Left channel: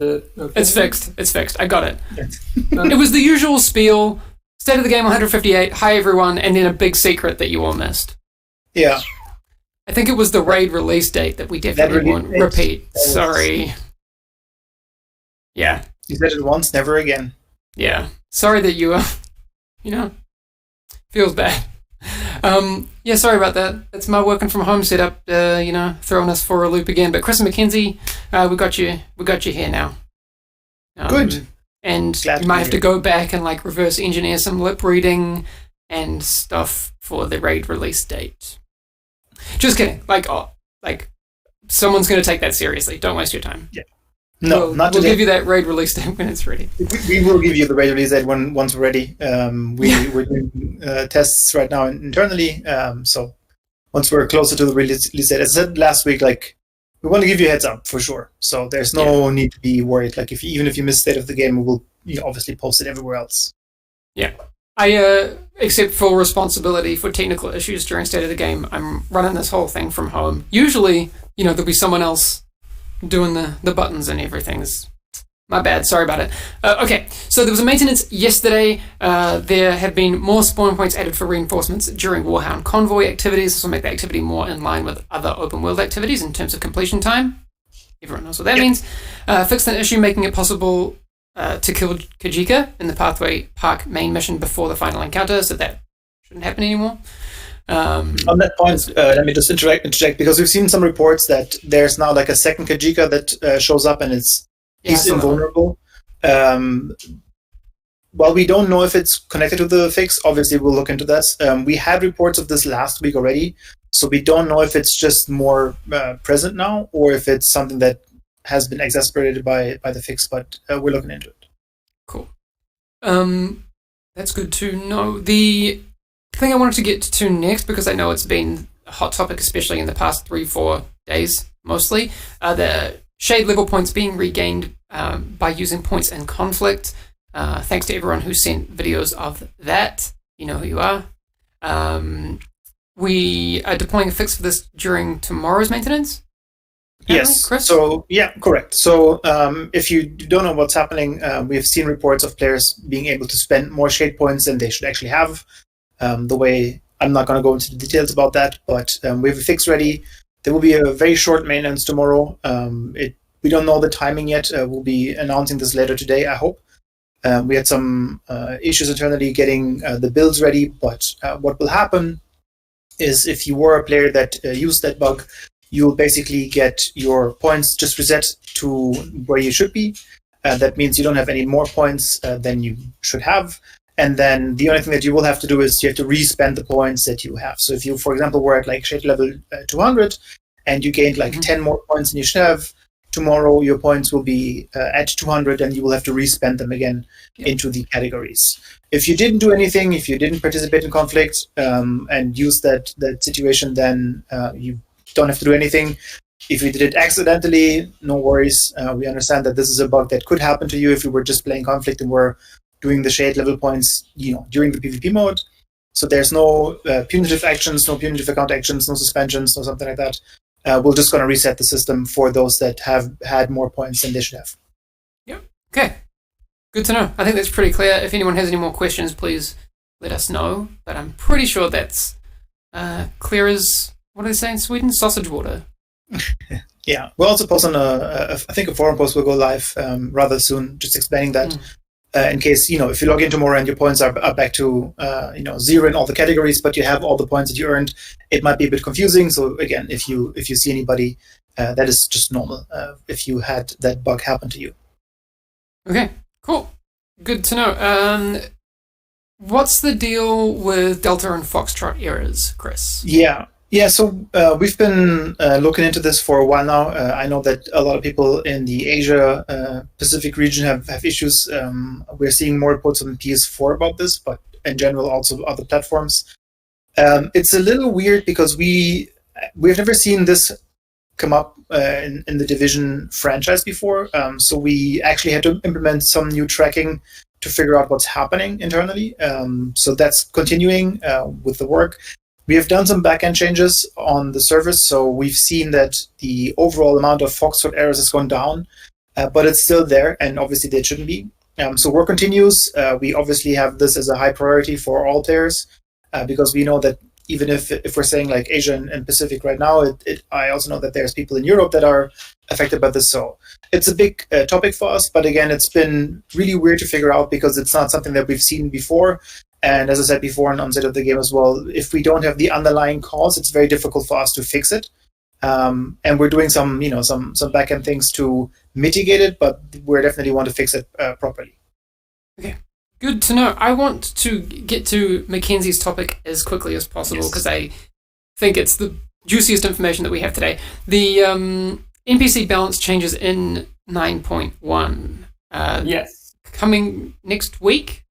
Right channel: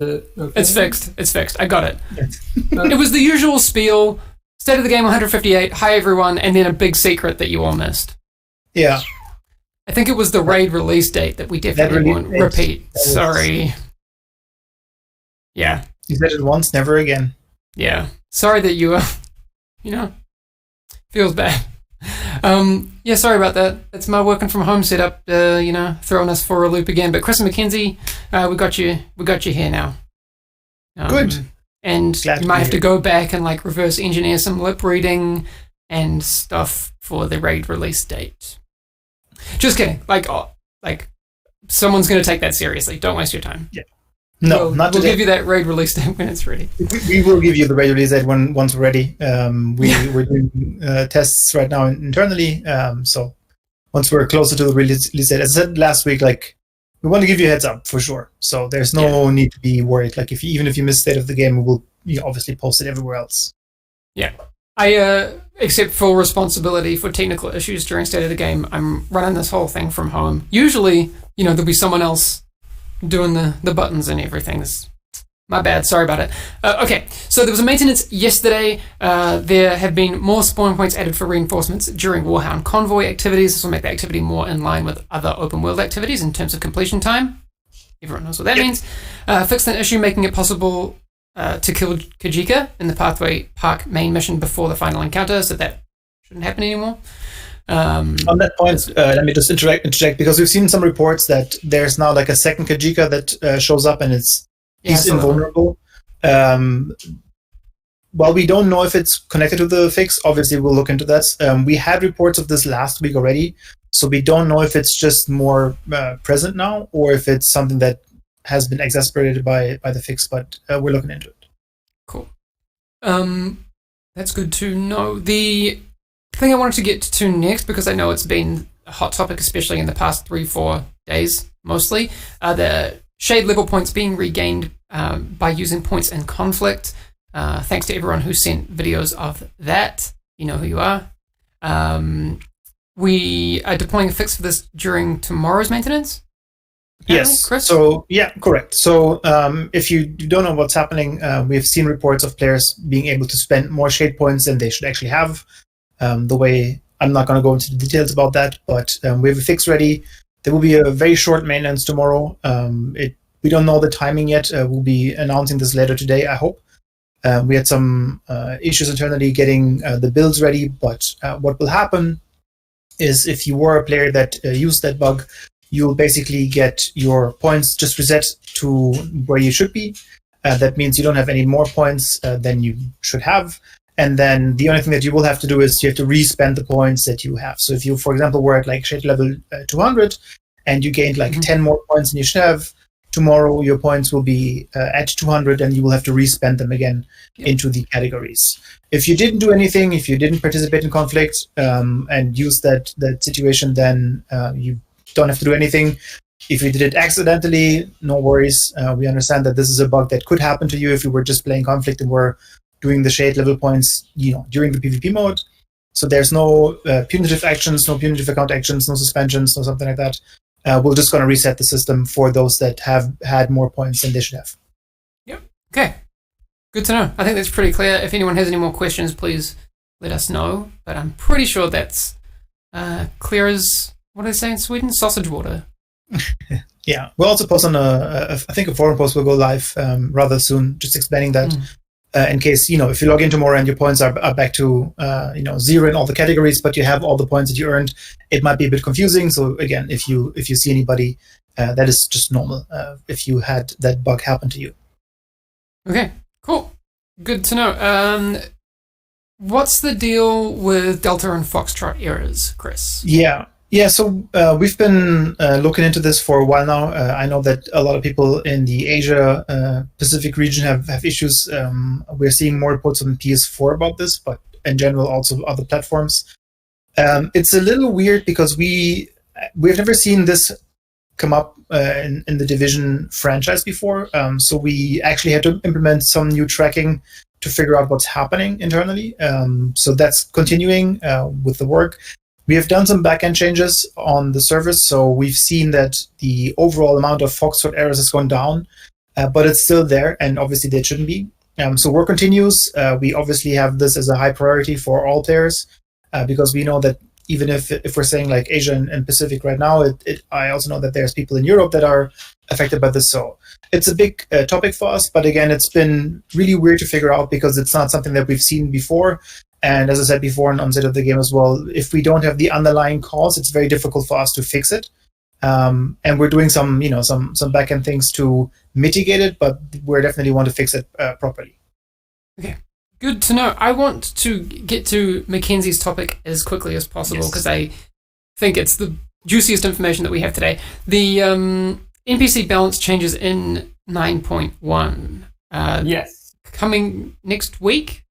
Okay. It's fixed. It's fixed. I got it. It was the usual spiel. State of the game 158. Hi everyone, and then a big secret that you all missed. Yeah. I think it was the raid release date that we definitely won't repeat. Sorry. Yeah. You said it once, never again. Yeah. Sorry that you, feels bad. Yeah, sorry about that. It's my working from home setup, throwing us for a loop again. But Chris McKenzie, we got you here now. Good. And Glad you might have to hear. go back and like reverse engineer some lip reading and stuff for the raid release date. Just kidding. Like someone's going to take that seriously. Don't waste your time. No, not We'll today. give you that raid release date when it's ready. We will give you the raid release date once we're ready. We're doing tests right now internally. So once we're closer to the release date, as I said last week, like we want to give you a heads up for sure. So there's no need to be worried. Like even if you miss state of the game, we will obviously post it everywhere else. Yeah. I accept full responsibility for technical issues during state of the game. I'm running this whole thing from home. Usually, there'll be someone else doing the buttons and everything. My bad. Sorry about it. Okay, so there was a maintenance yesterday. There have been more spawn points added for reinforcements during Warhound convoy activities. This will make the activity more in line with other open world activities in terms of completion time. Everyone knows what that means. Fixed an issue making it possible to kill Kajika in the Pathway Park main mission before the final encounter, so that shouldn't happen anymore. On that point, let me just interject because we've seen some reports that there's now like a second Kajika that shows up and he's invulnerable. While we don't know if it's connected to the fix, obviously we'll look into that. We had reports of this last week already, so we don't know if it's just more present now or if it's something that has been exacerbated by the fix, but we're looking into it. Cool. That's good to know. The thing I wanted to get to next, because I know it's been a hot topic, especially in the past 3-4 days, mostly, the shade level points being regained by using points in conflict. Thanks to everyone who sent videos of that. You know who you are. We are deploying a fix for this during tomorrow's maintenance. Yes. Chris? So yeah, correct. So if you don't know what's happening, we have seen reports of players being able to spend more shade points than they should actually have. The way I'm not going to go into the details about that, but we have a fix ready. There will be a very short maintenance tomorrow. We don't know the timing yet. We'll be announcing this later today, I hope. We had some issues internally getting the builds ready, but what will happen is if you were a player that used that bug, you'll basically get your points just reset to where you should be. That means you don't have any more points than you should have. And then the only thing that you will have to do is you have to re-spend the points that you have. So if you, for example, were at like shade level 200 and you gained like 10 more points than you should have, tomorrow your points will be at 200 and you will have to re-spend them again into the categories. If you didn't do anything, if you didn't participate in conflict and use that situation, then you don't have to do anything. If you did it accidentally, no worries. We understand that this is a bug that could happen to you if you were just playing conflict and were doing the shade level points, during the PvP mode. So there's no punitive actions, no punitive account actions, no suspensions, no something like that. We're just going to reset the system for those that have had more points than they should have. Yep. Okay. Good to know. I think that's pretty clear. If anyone has any more questions, please let us know. But I'm pretty sure that's clear as, what do they say in Sweden? Sausage water. Yeah. We'll also post on I think a forum post will go live rather soon, just explaining that. In case, if you log in tomorrow and your points are back to, zero in all the categories, but you have all the points that you earned, it might be a bit confusing. So again, if you see anybody, that is just normal if you had that bug happen to you. Okay, cool. Good to know. What's the deal with Delta and Foxtrot errors, Chris? Yeah, so we've been looking into this for a while now. I know that a lot of people in the Asia Pacific region have issues. We're seeing more reports on PS4 about this, but in general also other platforms. It's a little weird because we've never seen this come up in the Division franchise before. So we actually had to implement some new tracking to figure out what's happening internally. So that's continuing with the work. We have done some backend changes on the service, so we've seen that the overall amount of Foxtrot errors has gone down. but it's still there, and obviously they shouldn't be. So work continues. We obviously have this as a high priority for all players because we know that even if we're saying like Asia and Pacific right now, I also know that there's people in Europe that are affected by this. So it's a big topic for us. But again, it's been really weird to figure out because it's not something that we've seen before. And as I said before on State of the Game as well, if we don't have the underlying cause, it's very difficult for us to fix it. And we're doing some back-end things to mitigate it, but we definitely want to fix it properly. Okay. Good to know. I want to get to Mackenzie's topic as quickly as possible because I think it's the juiciest information that we have today. The NPC balance changes in 9.1. Yes. Coming next week?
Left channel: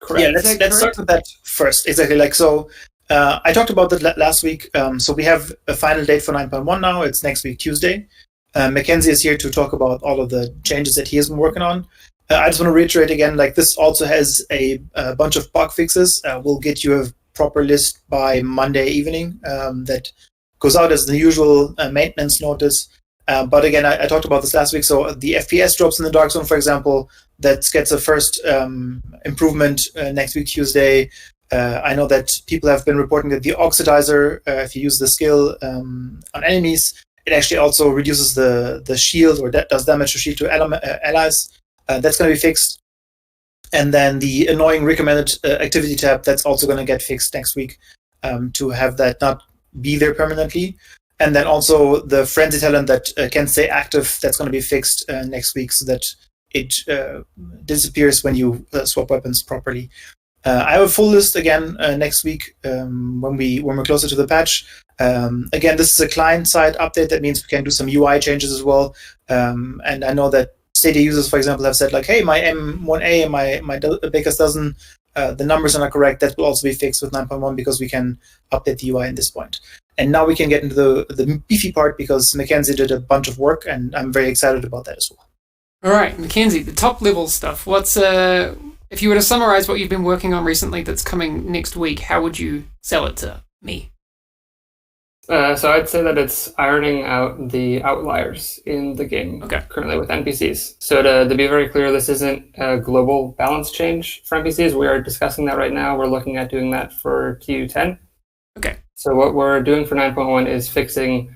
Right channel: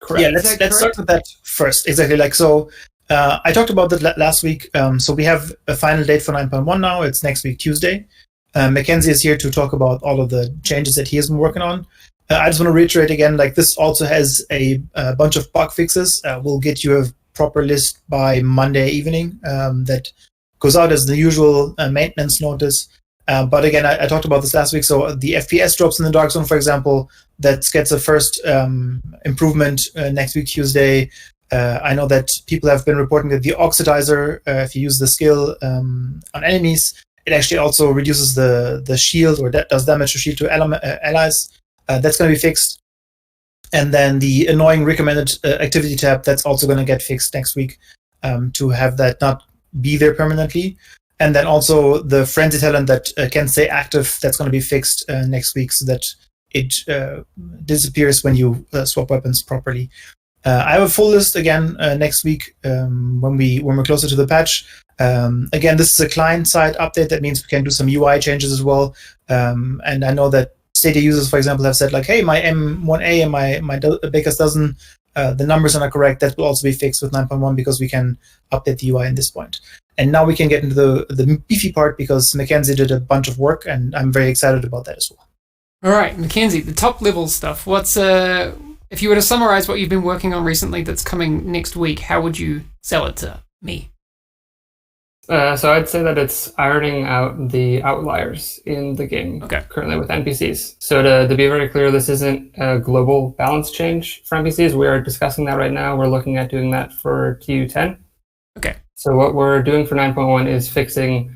Correct. Yeah, let's start with that first. Exactly. I talked about that last week. So we have a final date for 9.1 now. It's next week, Tuesday. Mackenzie is here to talk about all of the changes that he has been working on. I just want to reiterate again, this also has a bunch of bug fixes. We'll get you a proper list by Monday evening that goes out as the usual maintenance notice. But again, I talked about this last week. So the FPS drops in the Dark Zone, for example, that gets a first improvement next week, Tuesday. I know that people have been reporting that the Oxidizer, if you use the skill on enemies, it actually also reduces the shield or does damage to shield to allies. That's going to be fixed. And then the annoying recommended activity tab, that's also going to get fixed next week to have that not be there permanently. And then also the frenzy talent that can stay active, that's going to be fixed next week so that it disappears when you swap weapons properly. I have a full list again next week when we're closer to the patch. Again, this is a client-side update. That means we can do some UI changes as well. And I know that Stadia users, for example, have said hey, my M1A and my Baker's dozen, the numbers are not correct. That will also be fixed with 9.1 because we can update the UI in this point. And now we can get into the beefy part because Mackenzie did a bunch of work, and I'm very excited about that as well. All right, Mackenzie, the top level stuff. What's if you were to summarize what you've been working on recently that's coming next week, how would you sell it to me? So I'd say that it's ironing out the outliers in the game currently with NPCs. So to be very clear, this isn't a global balance change for NPCs. We are discussing that right now. We're looking at doing that for TU10. Okay. So what we're doing for 9.1 is fixing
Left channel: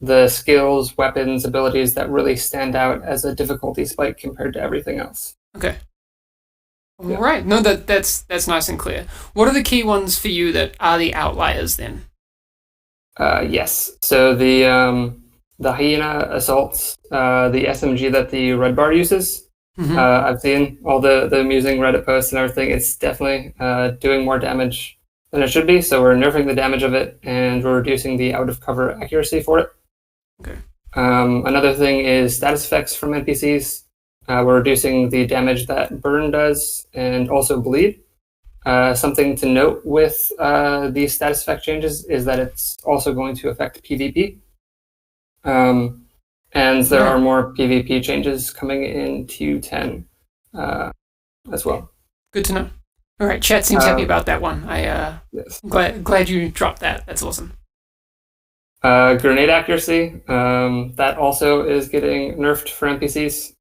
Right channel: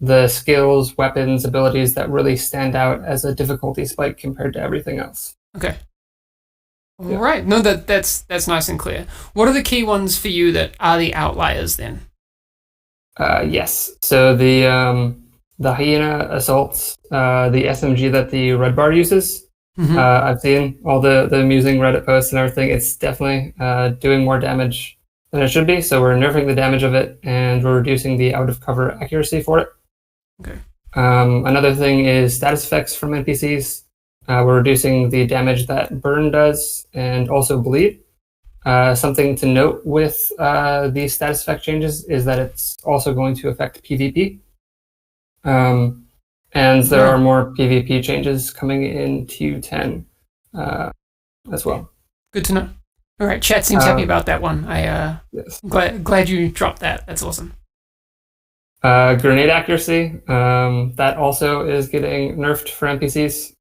the skills, weapons, abilities that really stand out as a difficulty spike compared to everything else. Okay. All right. No, that's nice and clear. What are the key ones for you that are the outliers then? Yes. So the Hyena assaults, the SMG that the Red Bar uses. Mm-hmm. I've seen all the amusing Reddit posts and everything. It's definitely doing more damage than it should be. So we're nerfing the damage of it, and we're reducing the out of cover accuracy for it. Okay. Another thing is status effects from NPCs. We're reducing the damage that burn does and also bleed. Something to note with these status effect changes is that it's also going to affect PvP. And there are more PvP changes coming in TU10 as well. Good to know. All right, chat seems happy about that one. Yes. Glad you dropped that. That's awesome. Grenade accuracy, that also is getting nerfed for NPCs.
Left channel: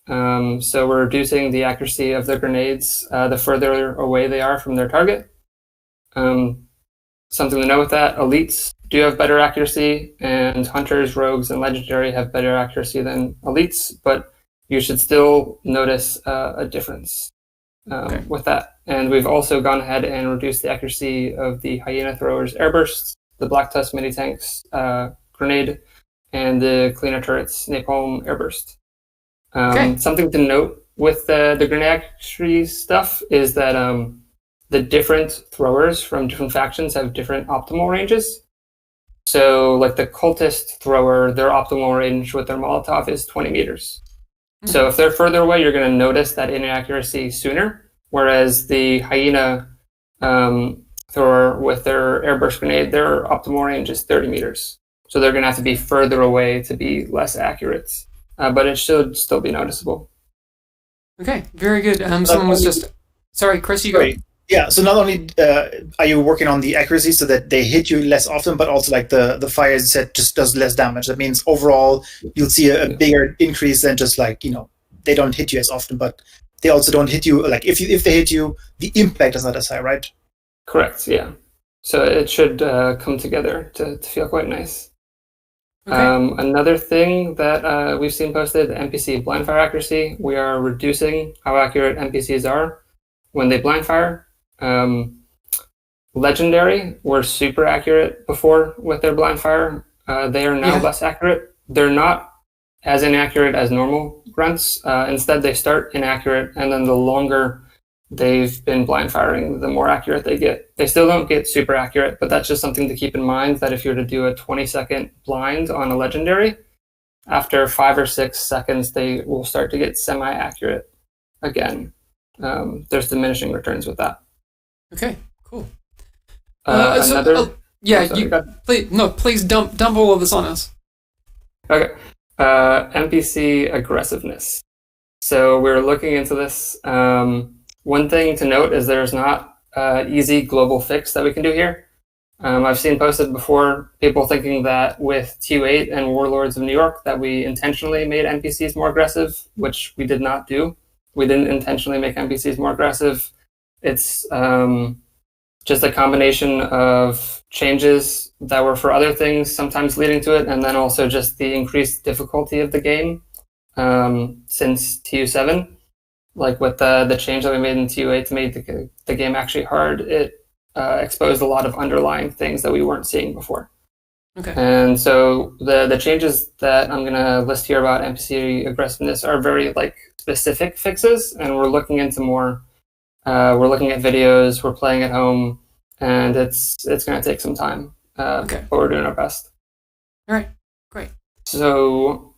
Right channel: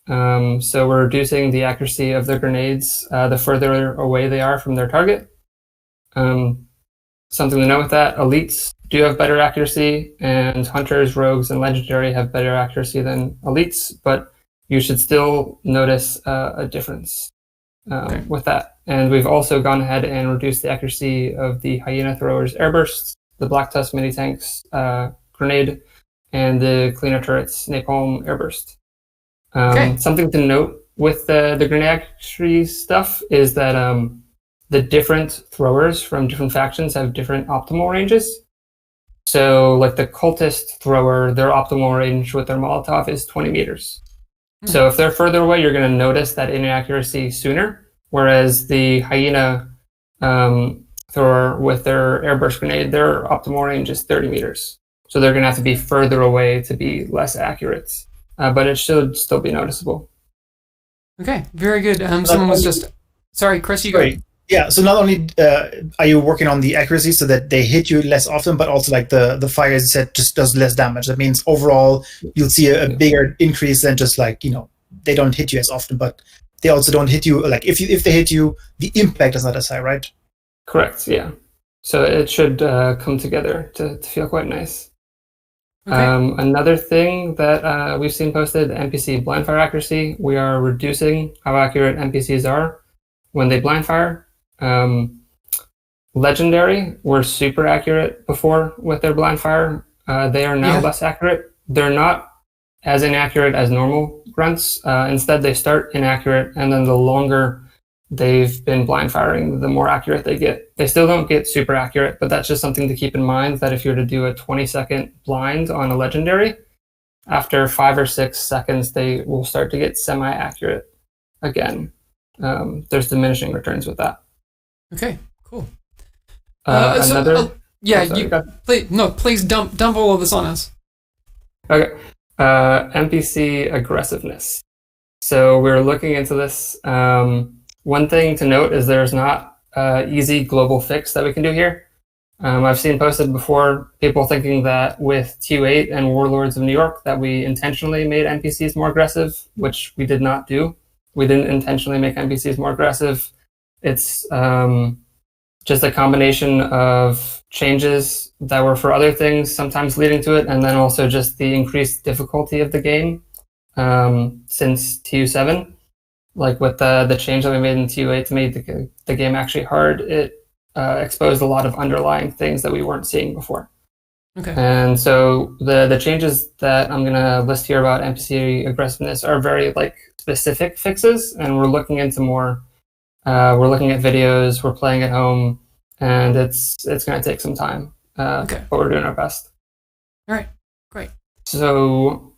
So we're reducing the accuracy of the grenades the further away they are from their target. Something to note with that, elites do have better accuracy, and hunters, rogues, and legendary have better accuracy than elites, but you should still notice a difference with that. And we've also gone ahead and reduced the accuracy of the Hyena throwers airbursts, the Black Tusk mini tanks grenade, and the Cleaner turrets napalm airburst. Something to note with the grenade accuracy stuff is that the different throwers from different factions have different optimal ranges. So like the cultist thrower, their optimal range with their Molotov is 20 meters. So if they're further away, you're going to notice that inaccuracy sooner, whereas the Hyena thrower with their airburst grenade, their optimal range is 30 meters. So they're going to have to be further away to be less accurate, but it should still be noticeable. Okay, very good. Someone was just... Sorry, Chris, you go. Yeah, so not only are you working on the accuracy so that they hit you less often, but also like the fire, as you said, just does less damage. That means overall you'll see a bigger increase than just like, they don't hit you as often, but they also don't hit you, like if they hit you, the impact is not as high, right? Correct, yeah. So it should come together to feel quite nice. Okay. Another thing that we've seen posted, NPC blind fire accuracy. We are reducing how accurate NPCs are when they blind fire. Legendary were super accurate before with their blind fire. They are now less accurate. They're not as inaccurate as normal grunts. Instead, they start inaccurate, and then the longer they've been blind firing, the more accurate they get. They still don't get super accurate, but that's just something to keep in mind, that if you were to do a 20-second blind on a legendary, after 5 or 6 seconds, they will start to get semi-accurate again. There's diminishing returns with that. Okay, cool. Please dump all of this on us. Okay. NPC aggressiveness. So we're looking into this. One thing to note is there's not an easy global fix that we can do here. I've seen posted before people thinking that with TU8 and Warlords of New York that we intentionally made NPCs more aggressive, which we did not do. We didn't intentionally make NPCs more aggressive. It's just a combination of changes that were for other things, sometimes leading to it, and then also just the increased difficulty of the game since TU7. Like with the change that we made in TU8 to make the game actually hard, it exposed a lot of underlying things that we weren't seeing before. Okay. And so the changes that I'm going to list here about NPC aggressiveness are very like specific fixes, and we're looking into more. We're looking at videos, we're playing at home, and it's going to take some time. But we're doing our best. All right, great. So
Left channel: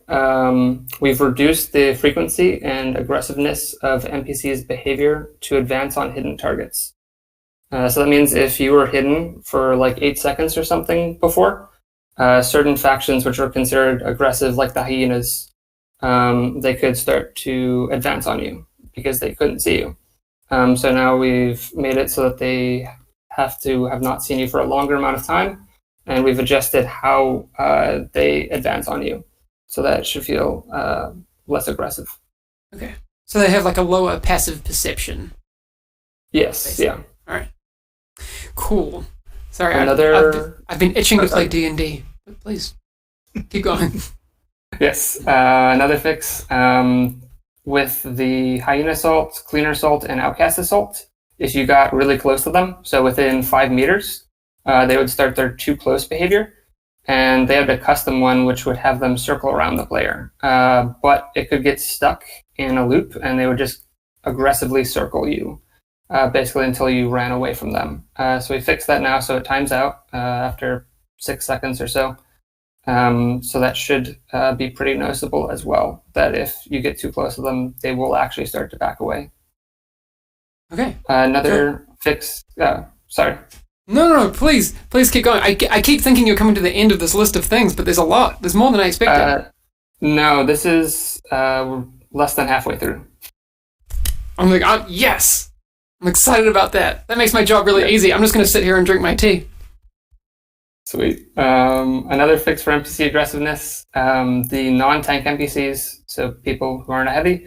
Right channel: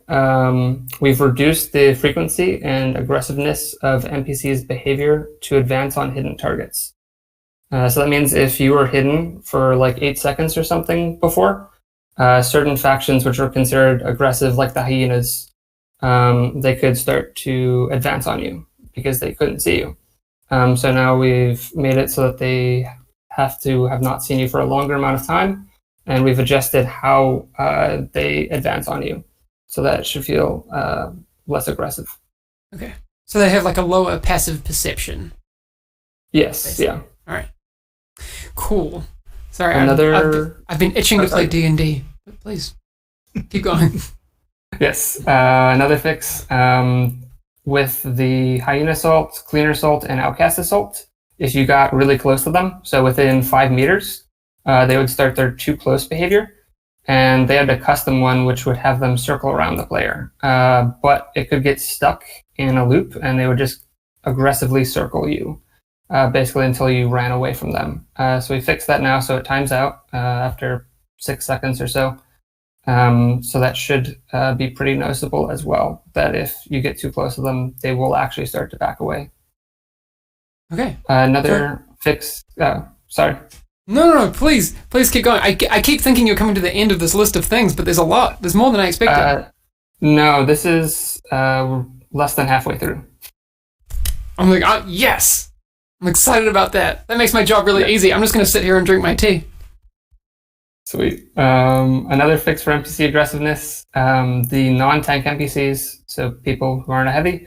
we've reduced the frequency and aggressiveness of NPCs' behavior to advance on hidden targets. So that means if you were hidden for like 8 seconds or something before, certain factions which are considered aggressive, like the hyenas, they could start to advance on you because they couldn't see you. So now we've made it so that they have to have not seen you for a longer amount of time, and we've adjusted how they advance on you, so that it should feel less aggressive. Okay. So they have like a lower passive perception. Yes, basically. Yeah. All right. Cool. Sorry, I've been itching to play D&D, but please, keep going. Yes, another fix. With the Hyena Assault, Cleaner Assault, and Outcast Assault, if you got really close to them, so within 5 meters, they would start their too close behavior, and they had a custom one which would have them circle around the player. But it could get stuck in a loop, and they would just aggressively circle you, basically until you ran away from them. So we fixed that now, so it times out after 6 seconds or so. So that should be pretty noticeable as well, that if you get too close to them, they will actually start to back away. Okay. Another fix. Sorry. No, please keep going. I keep thinking you're coming to the end of this list of things, but there's a lot. There's more than I expected. No, this is less than halfway through. I'm like, yes! I'm excited about that. That makes my job really easy. I'm just going to sit here and drink my tea. Sweet. Another fix for NPC aggressiveness, the non-tank NPCs, so people who aren't a heavy,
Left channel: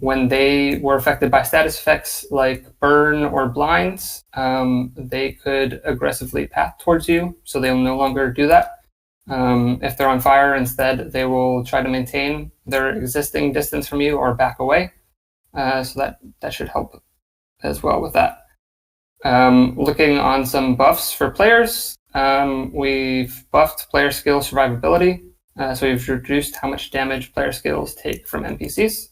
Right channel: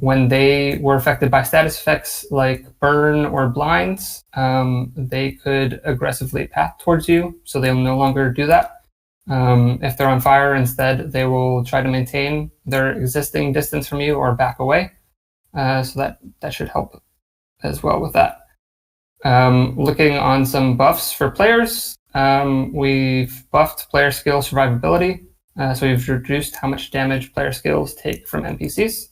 when they were affected by status effects like burn or blinds, they could aggressively path towards you, so they'll no longer do that. If they're on fire, instead, they will try to maintain their existing distance from you or back away. So that should help as well with that. Looking on some buffs for players, we've buffed player skill survivability, so we've reduced how much damage player skills take from NPCs.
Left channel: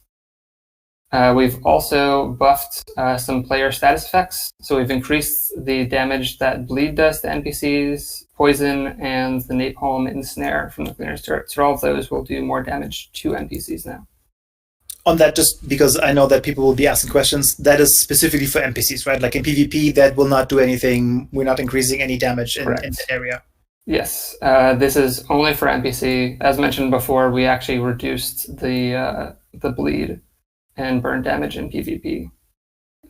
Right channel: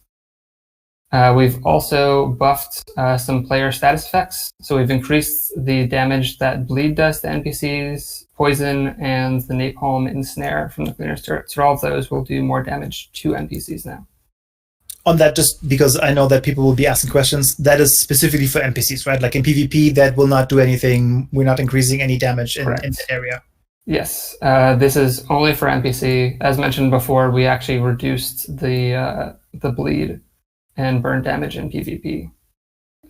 We've also buffed some player status effects, so we've increased the damage that bleed does to NPCs, poison, and the napalm ensnare from the cleaner's turret. So all of those will do more damage to NPCs now. On that, just because I know that people will be asking questions, that is specifically for NPCs, right? Like in PvP, that will not do anything. We're not increasing any damage in the area. Yes, this is only for NPC. As mentioned before, we actually reduced the bleed and burn damage in PvP.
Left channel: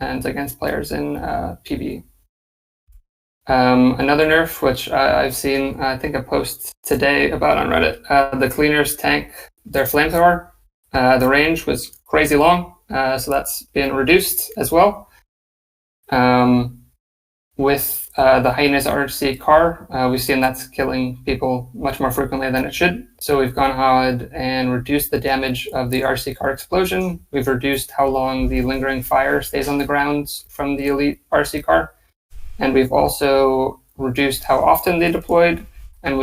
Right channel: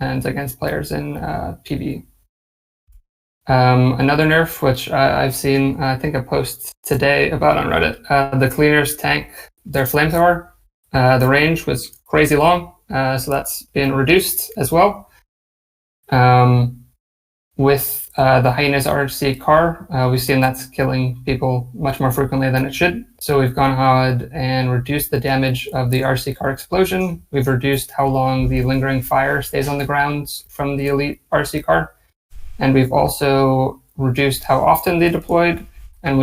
and against players in PvE. Another nerf, which I've seen, I think a post today about on Reddit, the cleaners tank their flamethrower. The range was crazy long, so that's been reduced as well. With the Hyenas RHC car, we've seen that's killing people much more frequently than it should. So we've gone ahead and reduced the damage of the RC car explosion. We've reduced how long the lingering fire stays on the ground from the elite RC car. And we've also reduced how often they deployed. And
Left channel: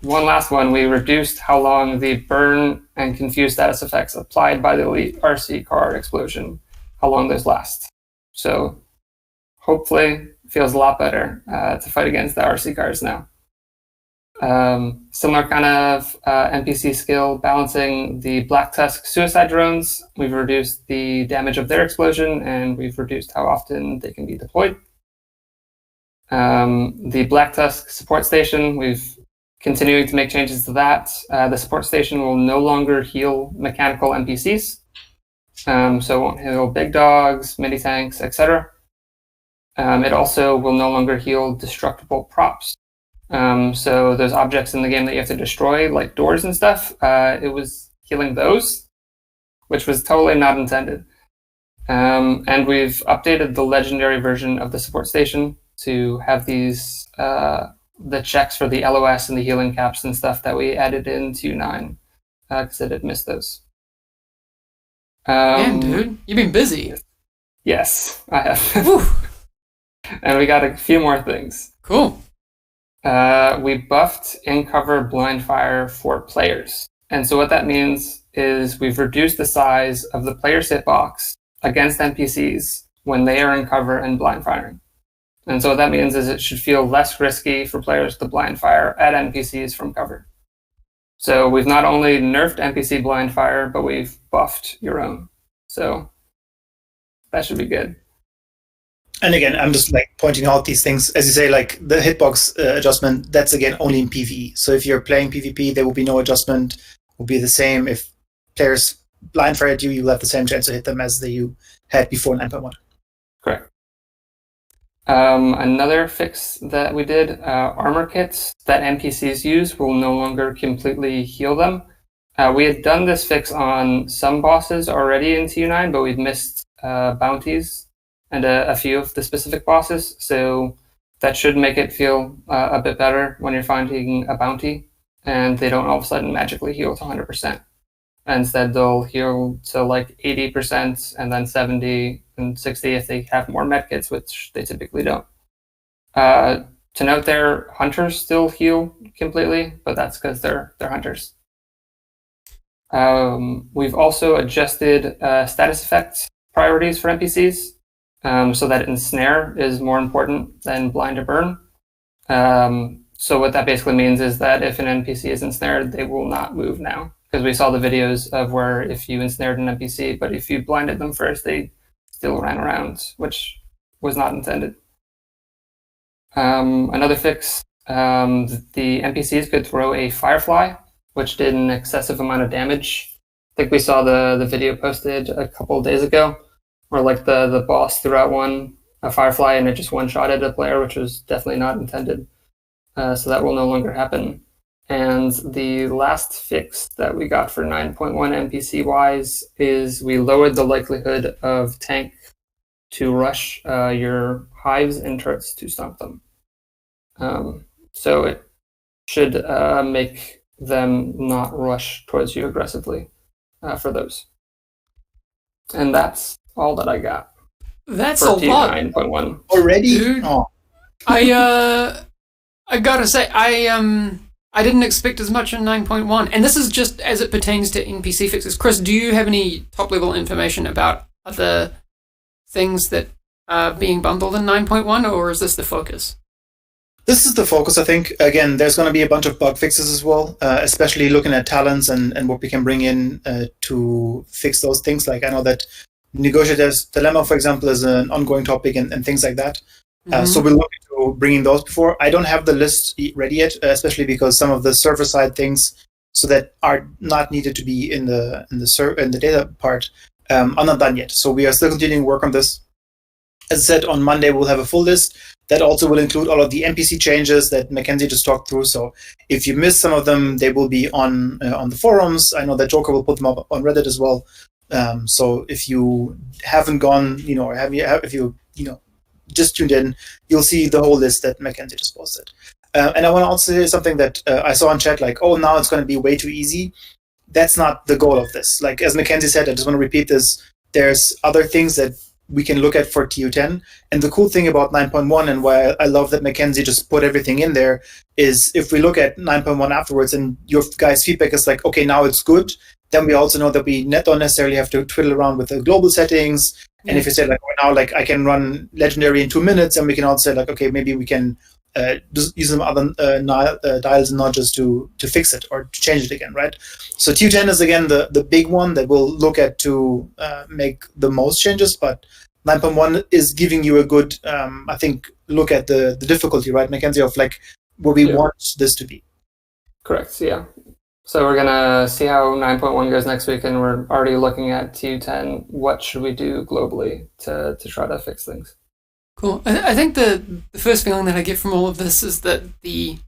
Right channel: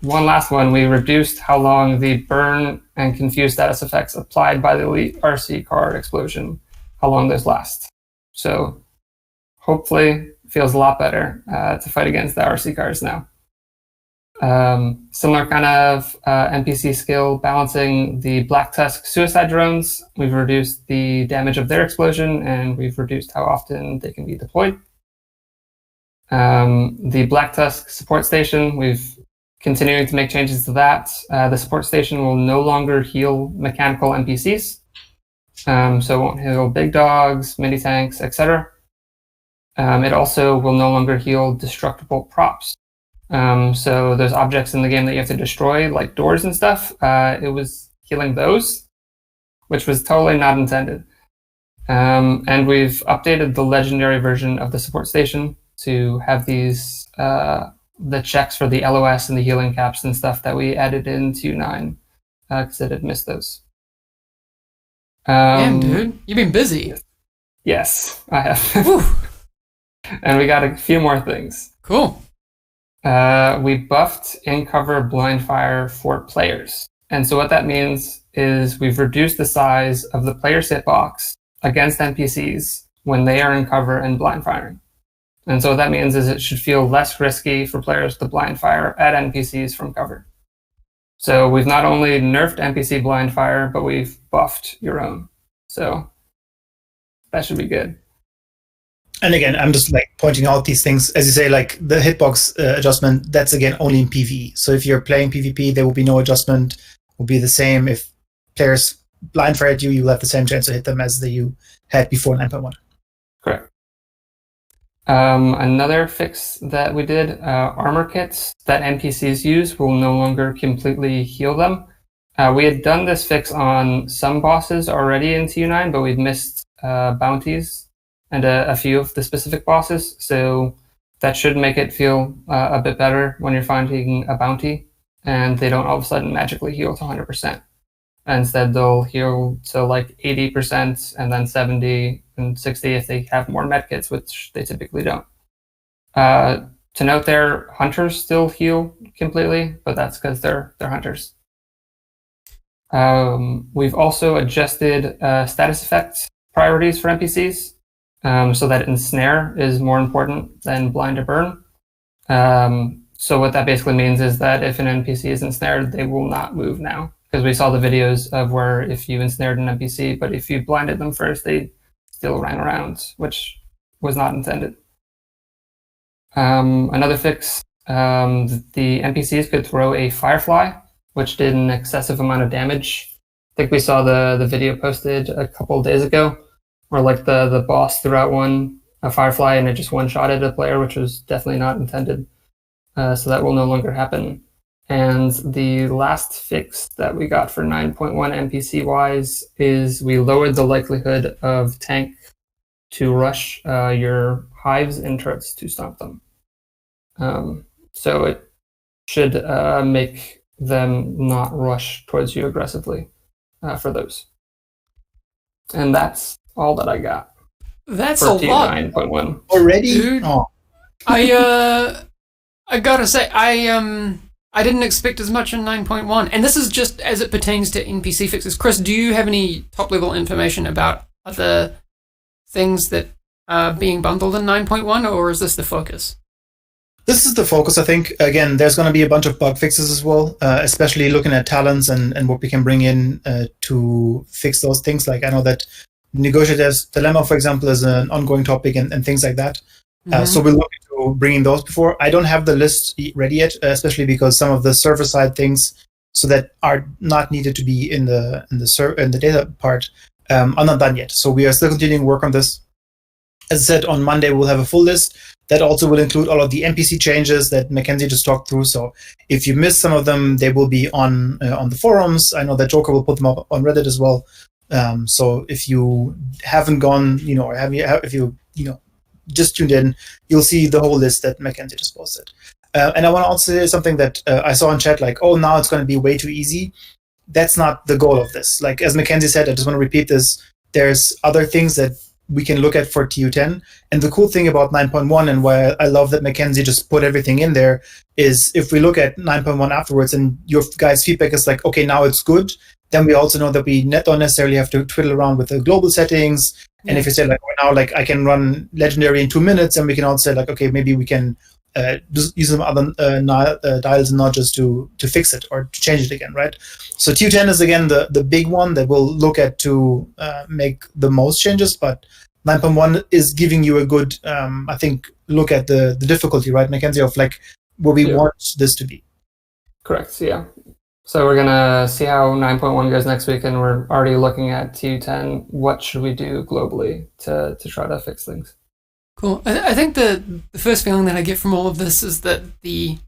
one last one, we reduced how long the burn and confused status effects applied by the elite RC car explosion, how long those last. So hopefully feels a lot better to fight against the RC cars now. Similar kind of NPC skill, balancing the Black Tusk suicide drones. We've reduced the damage of their explosion, and we've reduced how often they can be deployed. The Black Tusk support station, we've continuing to make changes to that. The support station will no longer heal mechanical NPCs, so it won't heal big dogs, mini tanks, etc. It also will no longer heal destructible props. So those objects in the game that you have to destroy, like doors and stuff, it was healing those, which was totally not intended. And we've updated the legendary version of the support station to have these the checks for the LOS and the healing caps and stuff that we added into 9 because it had missed those. Damn, dude, you've been busy. Yes, I have. And we got a few more things. Cool. We buffed in-cover blind fire for players. And so what that means is we've reduced the size of the player's hitbox against NPCs when they are in cover and blind firing. And so what that means is it should feel less risky for players to blind fire at NPCs from cover. So we've not only nerfed NPC blind fire, but we've buffed your own. So that should be good. And again, I'm just like pointing out these things. As you say, like the hitbox adjustment, that's again only in PvE. So if you're playing PvP, there will be no adjustment. It will be the same. If players blind fire at you, you'll have the same chance to hit them as you had before 9.1. Correct. Another fix that we did, armor kits that NPCs use will no longer completely heal them. We had done this fix on some bosses already in TU9, but we'd missed bounties and a few of the specific bosses. So that should make it feel a bit better when you're finding a bounty and they don't all of a sudden magically heal to 100%. Instead, they'll heal to like 80% and then 70 and 60 if they have more medkits, which they typically don't. To note there, hunters still heal completely, but that's because they're hunters. We've also adjusted status effect priorities for NPCs so that ensnare is more important than blind or burn. So what that basically means is that if an NPC is ensnared, they will not move now. Because we saw the videos of where if you ensnared an NPC, but if you blinded them first, they still ran around, which was not intended. Another fix, the NPCs could throw a firefly, which did an excessive amount of damage. I think we saw the video posted a couple of days ago, where like the boss threw out a firefly and it just one-shotted a player, which was definitely not intended. So that will no longer happen. And the last fix that we got for 9.1 NPC-wise is we lowered the likelihood of tank to rush your hives and turrets to stomp them. So it should make them not rush towards you aggressively for those. And that's all that I got. That's a lot. 9.1. Already? Dude. Oh. I gotta say, I didn't expect as much in 9.1, and this is just as it pertains to NPC fixes. Chris, do you have any top-level information about other things that are being bundled in 9.1, or is this the focus? This is the focus, I think. Again, there's going to be a bunch of bug fixes as well, especially looking at talents and what we can bring in to fix those things. Like I know that Negotiator's Dilemma, for example, is an ongoing topic and things like that. So we're looking to bringing those before. I don't have the list ready yet, especially because some of the server side things, so that are not needed to be in the data part, are not done yet. So we are still continuing to work on this. As I said, on Monday we'll have a full list. That also will include all of the NPC changes that Mackenzie just talked through. So if you missed some of them, they will be on the forums. I know that Joker will put them up on Reddit as well. So if you haven't gone, or if you just tuned in, you'll see the whole list that Mackenzie just posted. And I want to also say something that I saw in chat, like, oh, now it's going to be way too easy. That's not the goal of this. Like, as Mackenzie said, I just want to repeat this. There's other things that we can look at for TU10. And the cool thing about 9.1 and why I love that Mackenzie just put everything in there is if we look at 9.1 afterwards and your guys' feedback is like, okay, now it's good, then we also know that we don't necessarily have to twiddle around with the global settings. And if you say, like, oh, now, like, I can run Legendary in 2 minutes, and we can also say, like, okay, maybe we can just use some other dials and notches to fix it or to change it again, right? So TU10 is, again, the big one that we'll look at to make the most changes, but 9.1 is giving you a good, I think, look at the difficulty, right, Mackenzie, of, like, where we want this to be. Correct, yeah. So we're going to see how 9.1 goes next week, and we're already looking at TU10. What should we do globally to try to fix things? Cool. I think the first feeling that I get from all of this is that the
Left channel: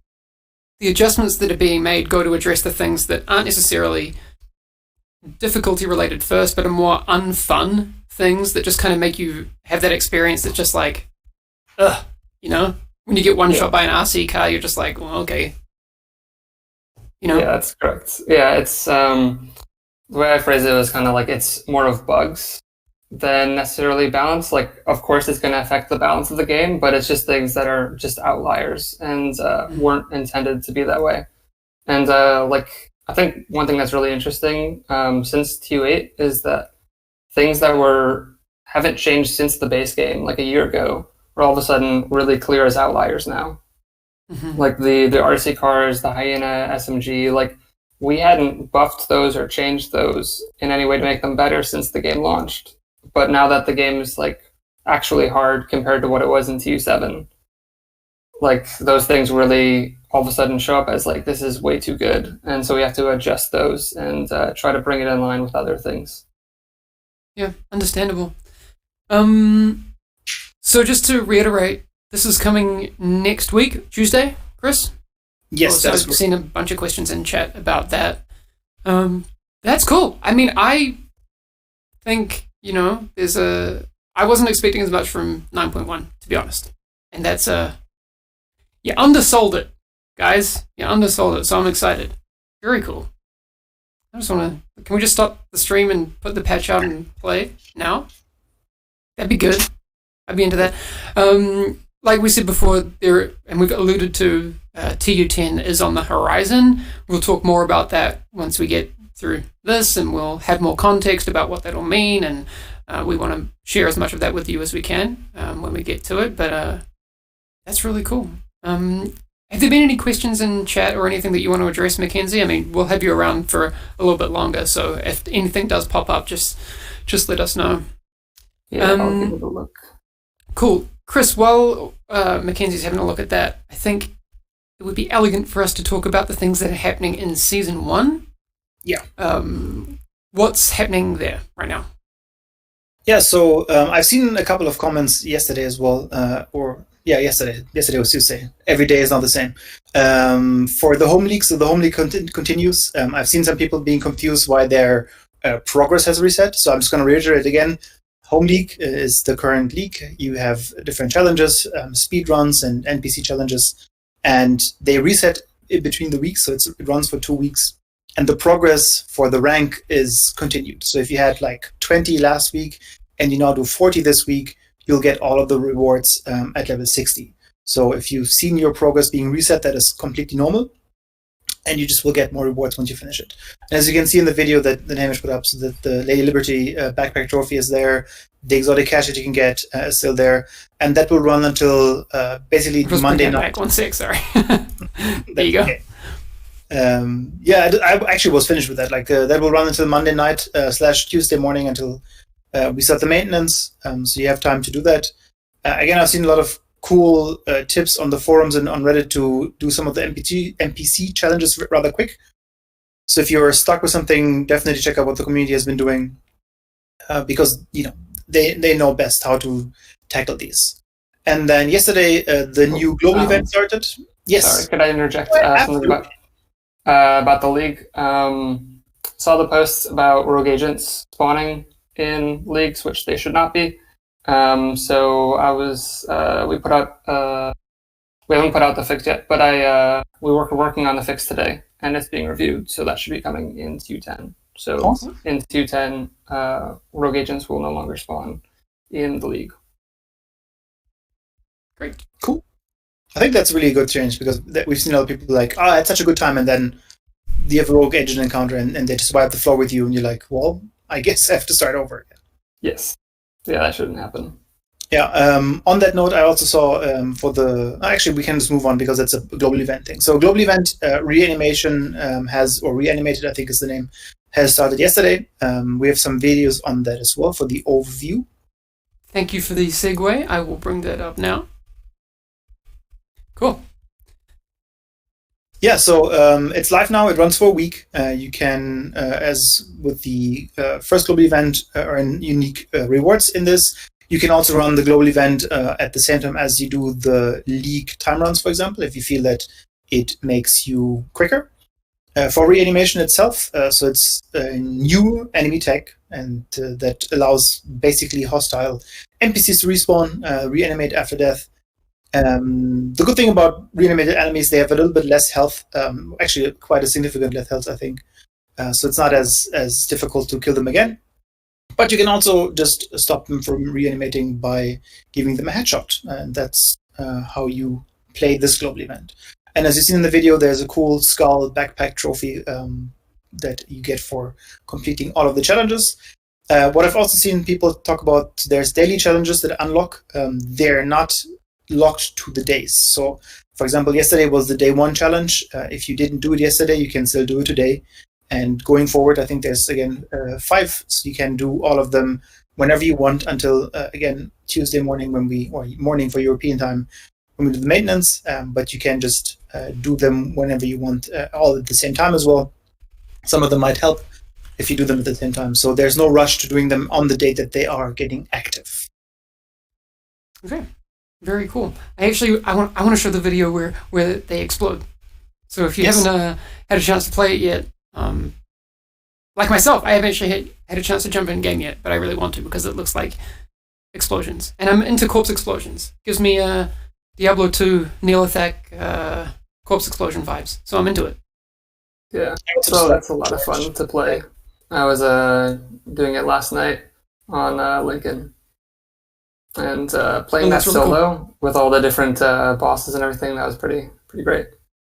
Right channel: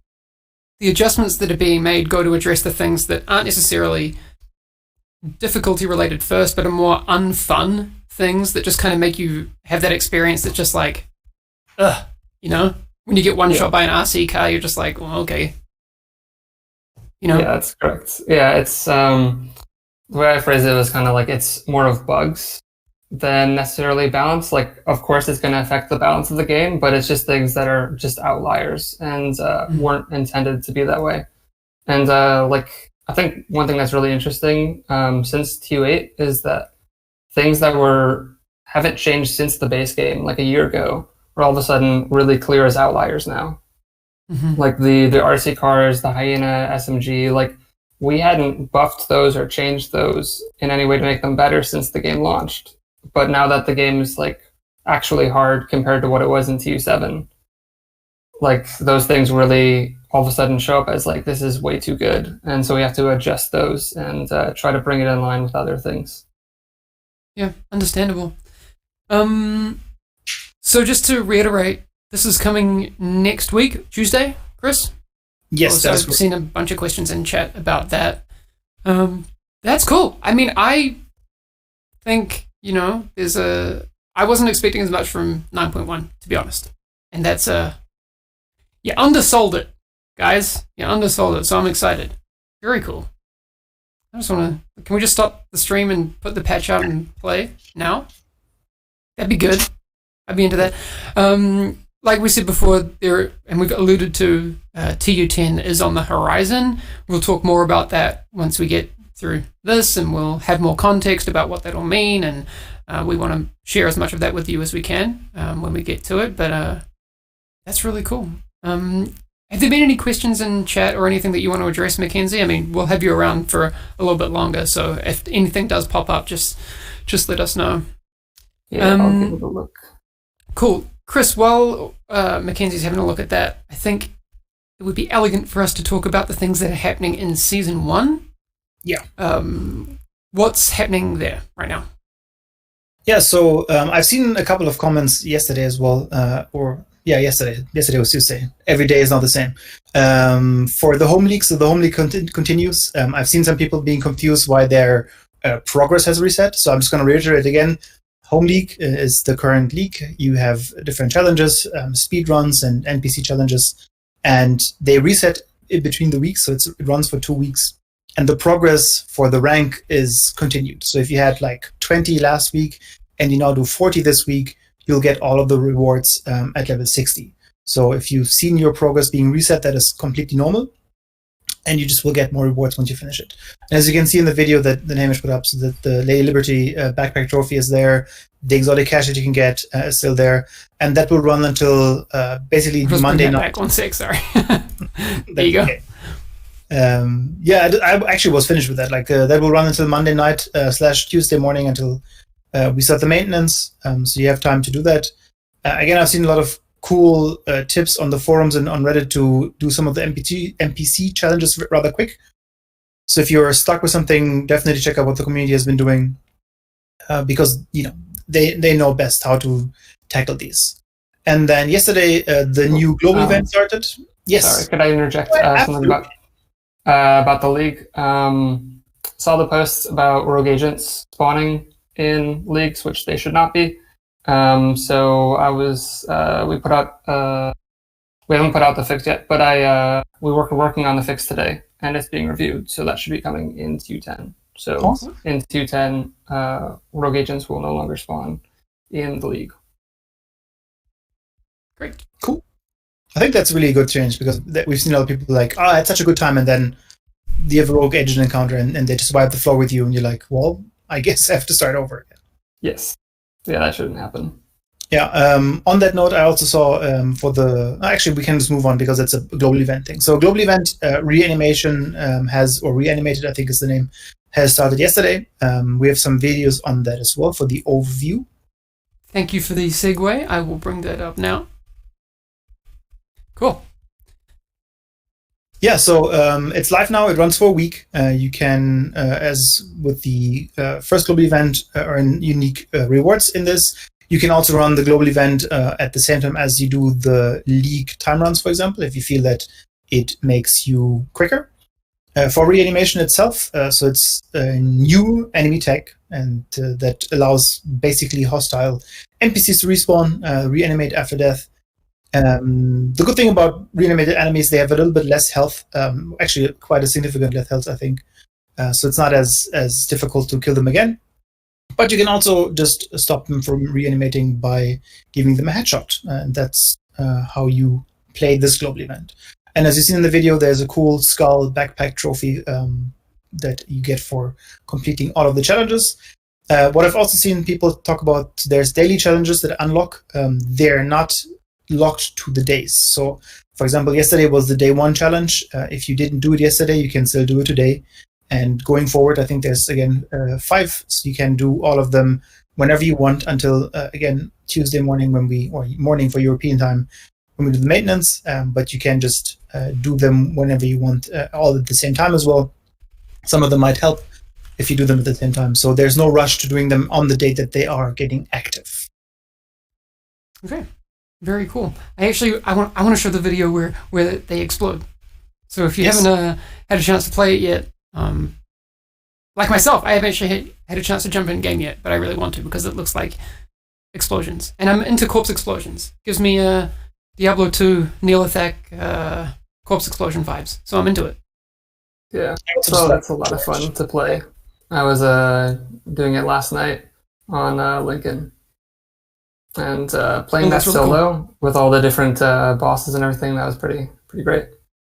adjustments that are being made go to address the things that aren't necessarily difficulty related first, but are more unfun things that just kind of make you have that experience that's just like, ugh, when you get one shot by an RC car, you're just like, well, okay. Yeah, that's correct. Yeah, it's the way I phrase it was kind of like it's more of bugs than necessarily balance. Like, of course, it's going to affect the balance of the game, but it's just things that are just outliers and weren't intended to be that way. And like, I think one thing that's really interesting since TU8 is that things that haven't changed since the base game, like a year ago, are all of a sudden really clear as outliers now. Mm-hmm. Like the RC cars, the Hyena SMG, like we hadn't buffed those or changed those in any way to make them better since the game launched. But now that the game is like actually hard compared to what it was in TU7, like those things really all of a sudden show up as like, this is way too good. And so we have to adjust those and try to bring it in line with other things. Yeah, understandable. So just to reiterate, this is coming next week, Tuesday, Chris? Yes, I've seen a bunch of questions in chat about that. That's cool. I mean, I think, I wasn't expecting as much from 9.1, to be honest. And that's, you undersold it, guys. You undersold it, so I'm excited. Very cool. I just want to, can we just stop the stream and put the patch out and play now? That'd be good. I'd be into that. Like we said before, and we've alluded to, TU10 is on the horizon. We'll talk more about that once we get through this, and we'll have more context about what that'll mean, and we want to share as much of that with you as we can when we get to it, but that's really cool. Have there been any questions in chat or anything that you want to address, Mackenzie? I mean, we'll have you around for a little bit longer, so if anything does pop up, just let us know. Yeah, I'll give it a look. Cool. Chris, while Mackenzie's having a look at that, I think it would be elegant for us to talk about the things that are happening in Season 1. Yeah. What's happening there right now? Yeah, so I've seen a couple of comments yesterday as well, yesterday. Yesterday was Tuesday. Every day is not the same. For the home league, so the home league continues. I've seen some people being confused why their progress has reset, so I'm just going to reiterate again. Home League is the current league. You have different challenges, speed runs and NPC challenges, and they reset in between the weeks, so it runs for 2 weeks. And the progress for the rank is continued. So if you had like 20 last week and you now do 40 this week, you'll get all of the rewards at level 60. So if you've seen your progress being reset, that is completely normal. And you just will get more rewards once you finish it. And as you can see in the video that Hamish put up, so that the Lady Liberty backpack trophy is there, the exotic cash that you can get is still there, and that will run until basically Monday night. 1 6, sorry. There you go. Okay. I actually was finished with that. Like that will run until Monday night / Tuesday morning until we start the maintenance. So you have time to do that. Again, I've seen a lot of cool tips on the forums and on Reddit to do some of the NPC challenges rather quick. So if you're stuck with something, definitely check out what the community has been doing, because they know best how to tackle these. And then yesterday, the new global event started. Yes. Sorry, could I interject something about the league? Saw the posts about rogue agents spawning in leagues, which they should not be. So I was we put out we haven't put out the fix yet, but we were working on the fix today, and it's being reviewed, so that should be coming in Q10. So awesome. In Q10, rogue agents will no longer spawn in the league. Great. Cool. I think that's really a good change, because we've seen a lot of people like, I had such a good time, and then you have a rogue agent encounter and they just wipe the floor with you, and you're like, well, I guess I have to start over again. Yes. Yeah, that shouldn't happen. Yeah. On that note, I also saw actually, we can just move on because it's a global event thing. So global event reanimation reanimated, I think is the name, has started yesterday. We have some videos on that as well for the overview. Thank you for the segue. I will bring that up now. Cool. Yeah, so it's live now. It runs for a week. You can, as with the first global event, earn unique rewards in this. You can also run the global event at the same time as you do the league time runs, for example, if you feel that it makes you quicker. For reanimation itself, so it's a new enemy tech, and that allows basically hostile NPCs to respawn, reanimate after death. The good thing about reanimated enemies, they have a little bit less health, actually quite a significant less health, I think. So it's not as difficult to kill them again. But you can also just stop them from reanimating by giving them a headshot. And that's how you play this global event. And as you see in the video, there's a cool skull backpack trophy that you get for completing all of the challenges. What I've also seen people talk about, there's daily challenges that unlock. They're not locked to the days. So, for example, yesterday was the day 1 challenge. If you didn't do it yesterday, you can still do it today. And going forward, I think there's, again, 5. So you can do all of them whenever you want until, again, Tuesday morning or morning for European time, when we do the maintenance. But you can just do them whenever you want, all at the same time as well. Some of them might help if you do them at the same time. So there's no rush to doing them on the date that they are getting active. Okay. Very cool. I want to show the video where they explode. So if you haven't had a chance to play it yet, like myself, I haven't actually had a chance to jump in game yet, but I really want to because it looks like explosions, and I'm into corpse explosions. Gives me Diablo 2 Neolithic corpse explosion vibes, so I'm into it. Yeah, so that's a lot of fun to play. I was doing it last night on Lincoln. And playing that really solo with all the different bosses and everything, that was pretty great.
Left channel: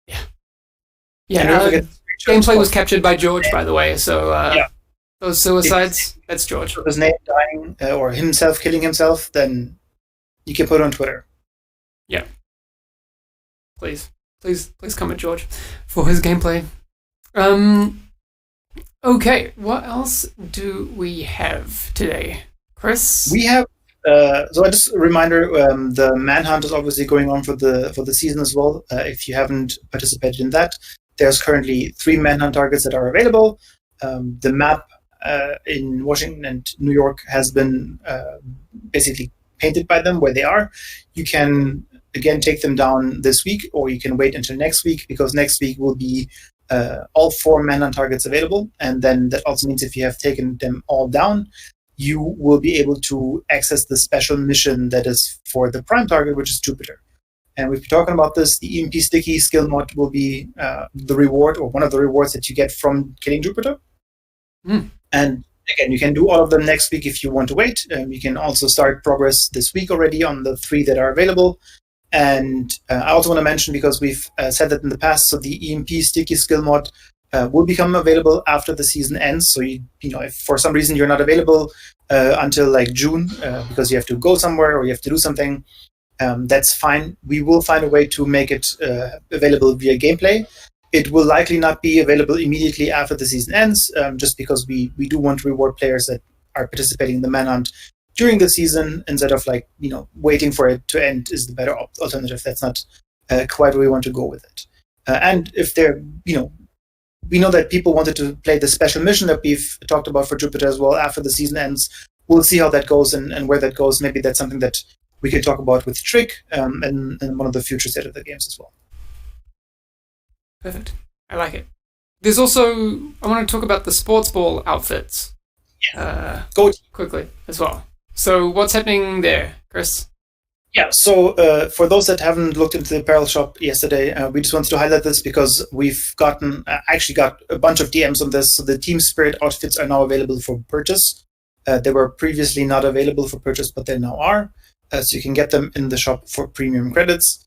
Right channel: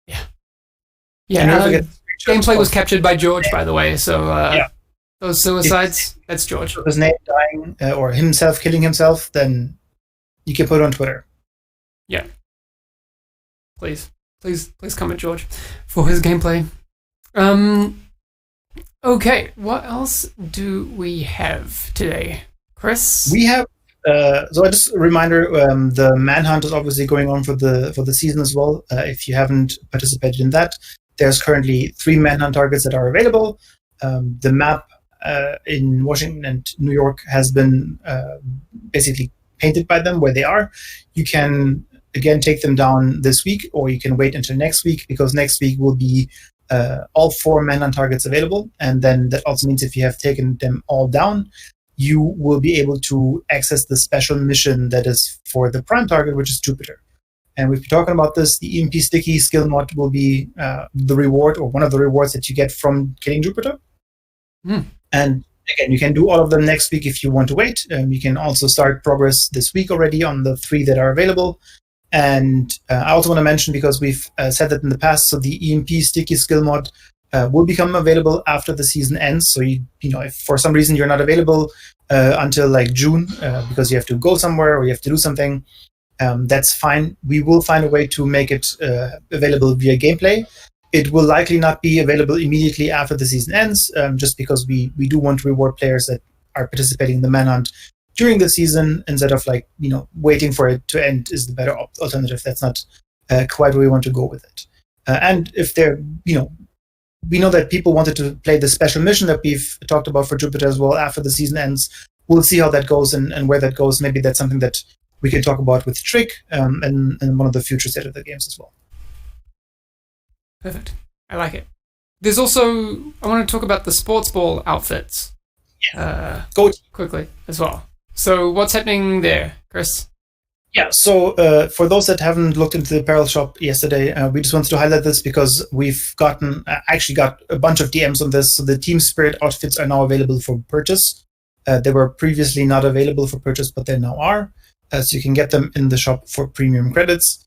Yeah. Gameplay was captured by George, by the way. So those suicides, that's George. If his name dying or himself killing himself, then you can put it on Twitter. Yeah. Please comment George for his gameplay. Okay, what else do we have today, Chris? We have. So just a reminder, the Manhunt is obviously going on for the season as well. If you haven't participated in that, there's currently 3 Manhunt targets that are available. The map in Washington and New York has been basically painted by them where they are. You can, again, take them down this week, or you can wait until next week, because next week will be all 4 Manhunt targets available. And then that also means if you have taken them all down, you will be able to access the special mission that is for the prime target, which is Jupiter. And we've been talking about this. The EMP Sticky skill mod will be the reward, or one of the rewards that you get from killing Jupiter. And again, you can do all of them next week if you want to wait. You can also start progress this week already on the 3 that are available. And I also want to mention, because we've said that in the past, so the EMP Sticky skill mod will become available after the season ends. So you know, if for some reason you're not available until like June because you have to go somewhere or you have to do something, that's fine. We will find a way to make it available via gameplay. It will likely not be available immediately after the season ends, just because we do want to reward players that are participating in the Manhunt during the season, instead of waiting for it to end is the better alternative. That's not quite where we want to go with it. And if they're, we know that people wanted to play the special mission that we've talked about for Jupiter as well after the season ends. we'll see how that goes and where that goes. Maybe that's something that we can talk about with Trick and one of the future State of the Games as well. Perfect. I like it. There's also, I want to talk about the sports ball outfits. Go quickly as well. So what's happening there, Chris? Yeah, so for those that haven't looked into the apparel shop yesterday, we just wanted to highlight this because we've actually got a bunch of DMs on this. So the Team Spirit outfits are now available for purchase. They were previously not available for purchase, but they now are. So you can get them in the shop for premium credits.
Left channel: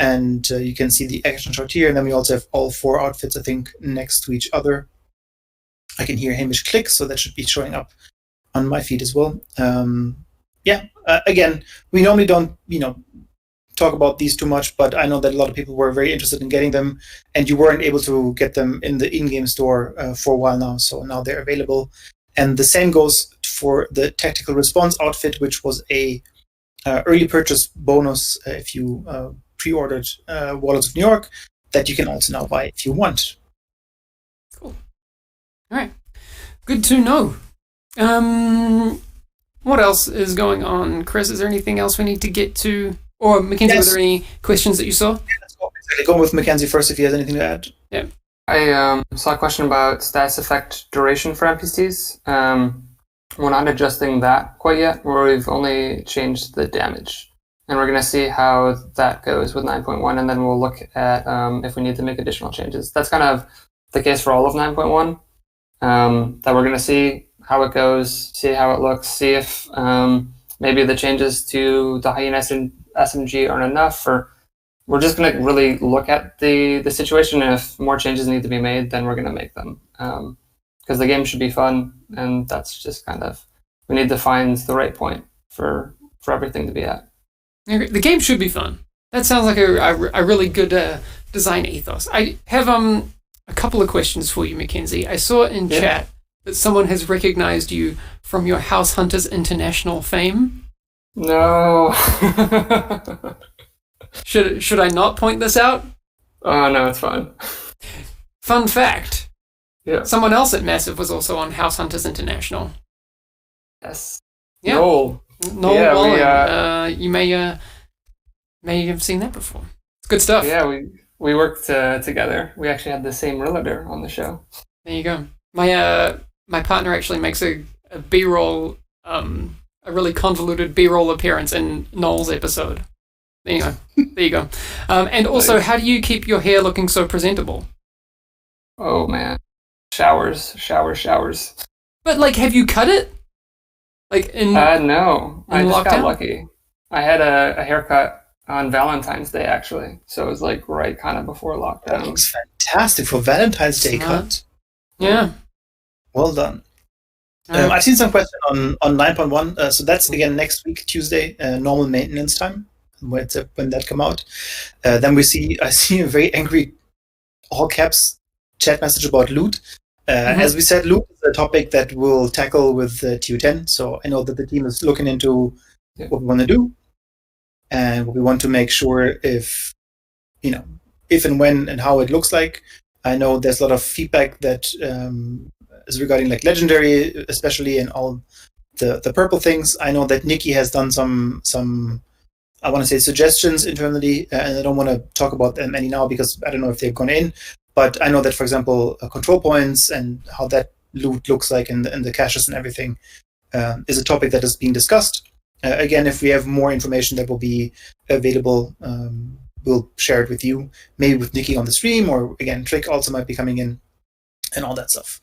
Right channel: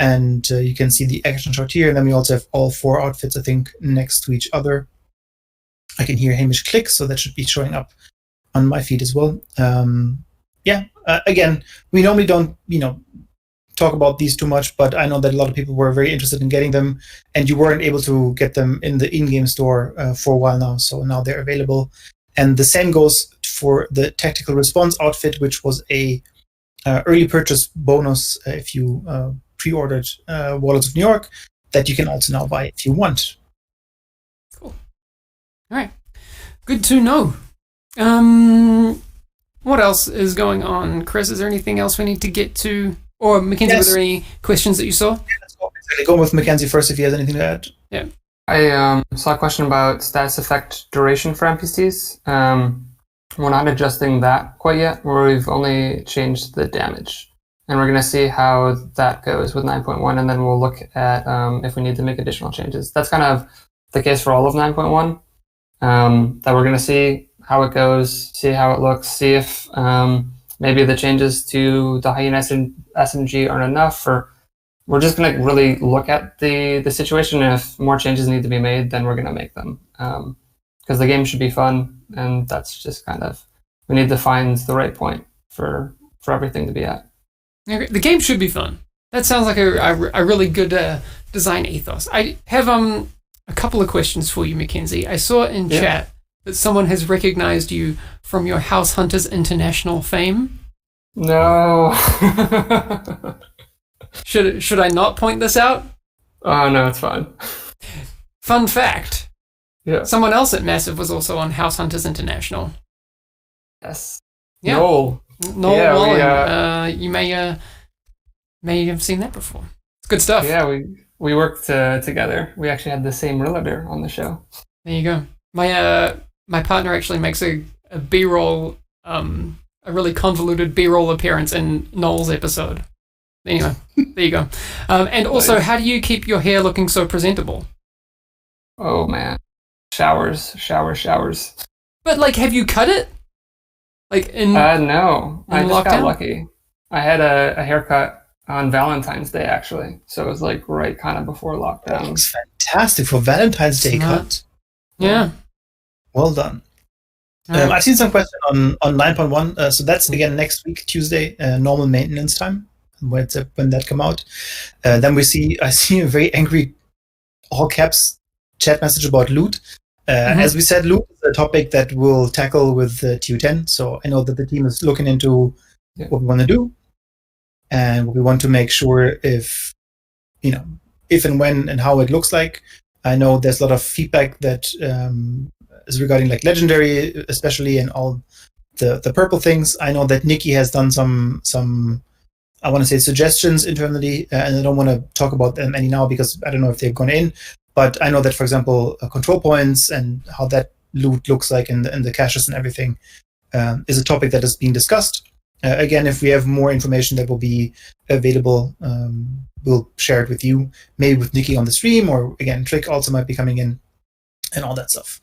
And you can see the action shot here. And then we also have all 4 outfits, I think, next to each other. I can hear Hamish click, so that should be showing up on my feed as well. Again, we normally don't, talk about these too much, but I know that a lot of people were very interested in getting them, and you weren't able to get them in the in-game store for a while now, so now they're available. And the same goes for the Tactical Response outfit, which was a early purchase bonus if you pre-ordered Warlords of New York, that you can also now buy if you want. Cool. All right. Good to know. What else is going on, Chris? Is there anything else we need to get to? Or Mackenzie, Yes. were there any questions that you saw? Let's go with Mackenzie first if he has anything to add. Yeah. I saw a question about status effect duration for NPCs. We're not adjusting that quite yet, where we've only changed the damage. And we're going to see how that goes with 9.1, and then we'll look at if we need to make additional changes. That's kind of the case for all of 9.1, that we're going to see how it goes, see how it looks, see if maybe the changes to the Hyena SMG aren't enough, or we're just going to really look at the situation, and if more changes need to be made, then we're going to make them. Because the game should be fun, and that's just kind of, we need to find the right point for everything to be at. Okay, the game should be fun. That sounds like a really good design ethos. I have a couple of questions for you, Mackenzie. I saw in chat that someone has recognized you from your House Hunters International fame. No. Should I not point this out? Oh, no, it's fine. Fun fact. Yeah. Someone else at Massive was also on House Hunters International. Yes. Yeah. Noel. Noel Yeah, Wallen. You may have seen that before. It's good stuff. Yeah, we worked together. We actually had the same realtor on the show. There you go. My partner actually makes a B-roll, a really convoluted B-roll appearance in Noel's episode. Anyway, there you go. And also, how do you keep your hair looking so presentable? Oh man, showers. But have you cut it? No, I just got lockdown? lucky. I had a haircut on Valentine's Day actually, so it was right kind of before That lockdown. looks fantastic for Valentine's Day Smart. cut. Yeah. Well done. I've seen some question on 9.1. So that's again next week, Tuesday, normal maintenance time. When that come out, then I see a very angry, all caps chat message about loot. As we said, loot is a topic that we'll tackle with TU10. So I know that the team is looking into what we want to do, and we want to make sure if and when and how it looks like. I know there's a lot of feedback that is regarding legendary, especially, and all the purple things. I know that Nikki has done some I want to say suggestions internally, and I don't want to talk about them any now because I don't know if they've gone in. But I know that, for example, control points and how that loot looks like in the caches and everything is a topic that is being discussed. Again, if we have more information that will be available, we'll share it with you, maybe with Nikki on the stream, or again, Trick also might be coming in and all that stuff.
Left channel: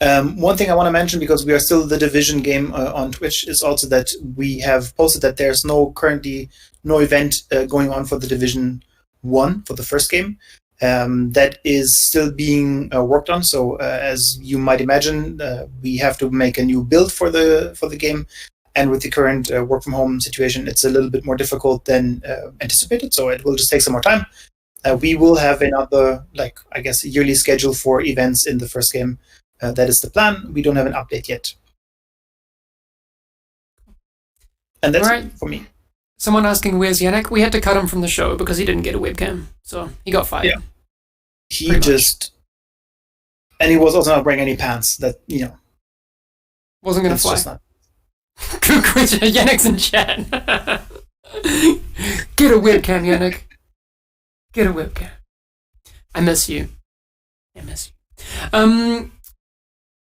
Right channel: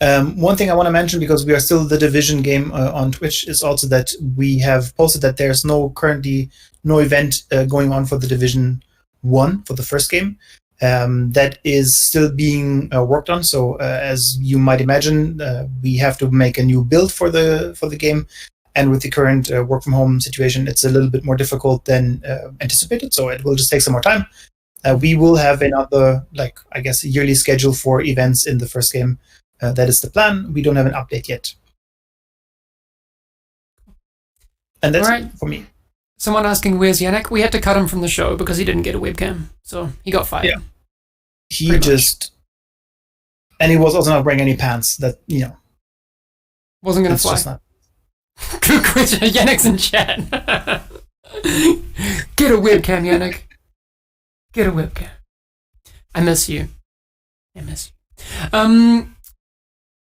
One thing I want to mention, because we are still the Division game on Twitch, is also that we have posted that there's currently no event going on for the Division 1 for the first game. That is still being worked on. So as you might imagine, we have to make a new build for the game. And with the current work from home situation, it's a little bit more difficult than anticipated. So it will just take some more time. We will have another, yearly schedule for events in the first game. That is the plan. We don't have an update yet. And that's it for me. Someone asking, where's Yannick? We had to cut him from the show because he didn't get a webcam. So he got fired. Yeah. And he was also not wearing any pants that, wasn't going to it's fly. just not. Good question. Yannick's in chat. Get a webcam, Yannick. Get a webcam. I miss you.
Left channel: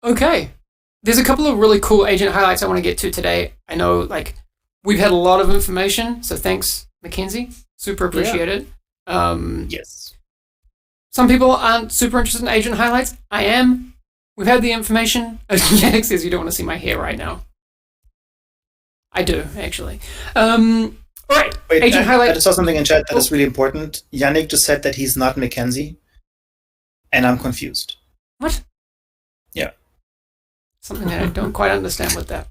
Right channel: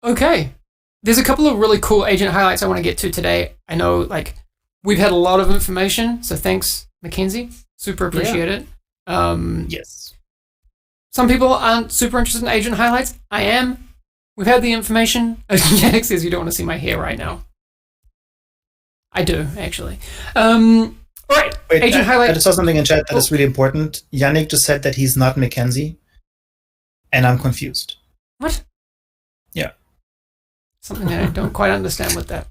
Okay. There's a couple of really cool agent highlights I want to get to today. I know, like, we've had a lot of information, so thanks, Mackenzie. Super appreciate it. Yes. Some people aren't super interested in agent highlights. I am. We've had the information. Yannick says you don't want to see my hair right now. I do, actually. All right. Wait, agent highlight. I just saw something in chat that is really important. Yannick just said that he's not Mackenzie, and I'm confused. What? Yeah. Something I don't quite understand with that.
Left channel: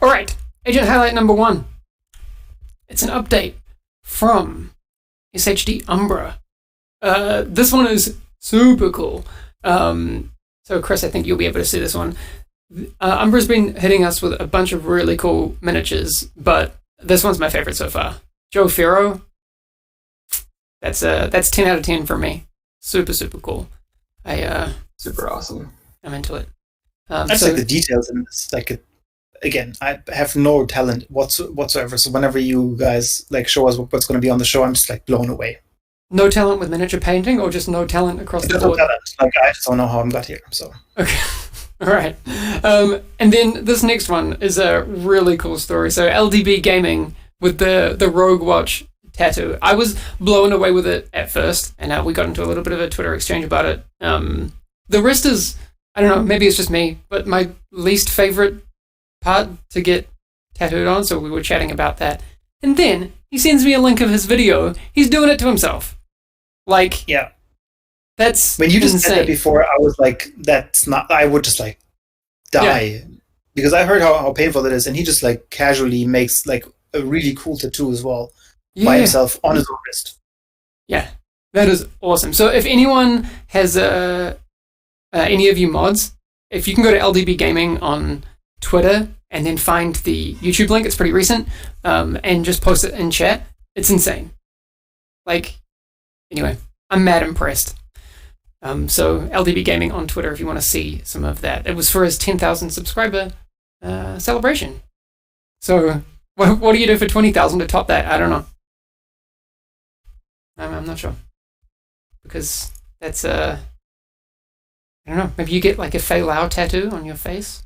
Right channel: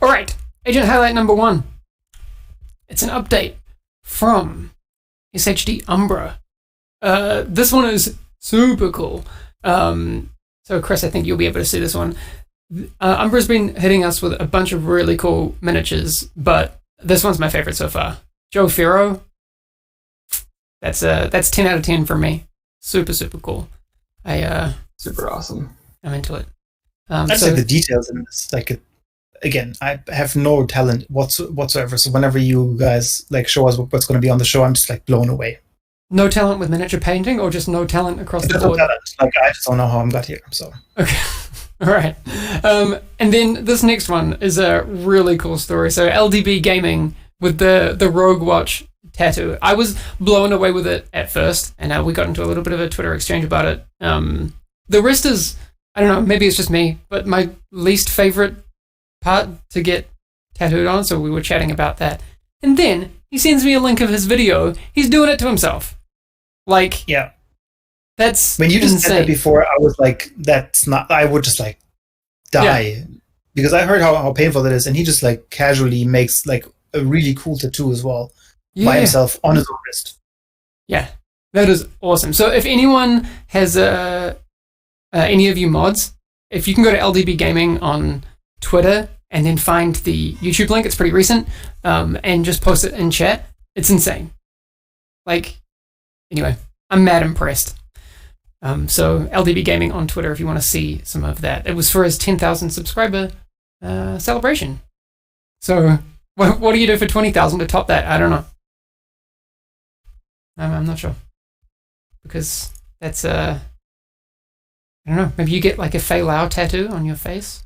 All right. Agent highlight number 1. It's an update from SHD Umbra. This one is super cool. So, Chris, I think you'll be able to see this one. Umbra's been hitting us with a bunch of really cool miniatures, but this one's my favorite so far. Joe Ferro. That's 10 out of 10 for me. Super, super cool. Super awesome. I'm into it. That's like the details in this. Like, again, I have no talent whatsoever. So whenever you guys like show us what's going to be on the show, I'm just like blown away. No talent with miniature painting, or just no talent across the board? No talent. Like, I just don't know how I got here. So okay, all right. And then this next one is a really cool story. So LDB Gaming with the Rogue Watch tattoo. I was blown away with it at first, and we got into a little bit of a Twitter exchange about it. The rest is, I don't know, maybe it's just me, but my least favorite part to get tattooed on. So we were chatting about that, and then he sends me a link of his video. He's doing it to himself. Like, yeah, that's when you just insane. said that before, I was like, that's not. I would just like die because I heard how painful it is, and he just like casually makes like a really cool tattoo as well by himself on his own wrist. Yeah, that is awesome. So if anyone has any of you mods, if you can go to LDB Gaming on Twitter and then find the YouTube link, it's pretty recent, and just post it in chat. It's insane. Anyway, I'm mad impressed. So LDB Gaming on Twitter if you want to see some of that. It was for his 10,000 subscriber celebration. So what do you do for 20,000 to top that? I don't know. I'm not sure. Because that's, I don't know, maybe you get like a Fei Lao tattoo on your face?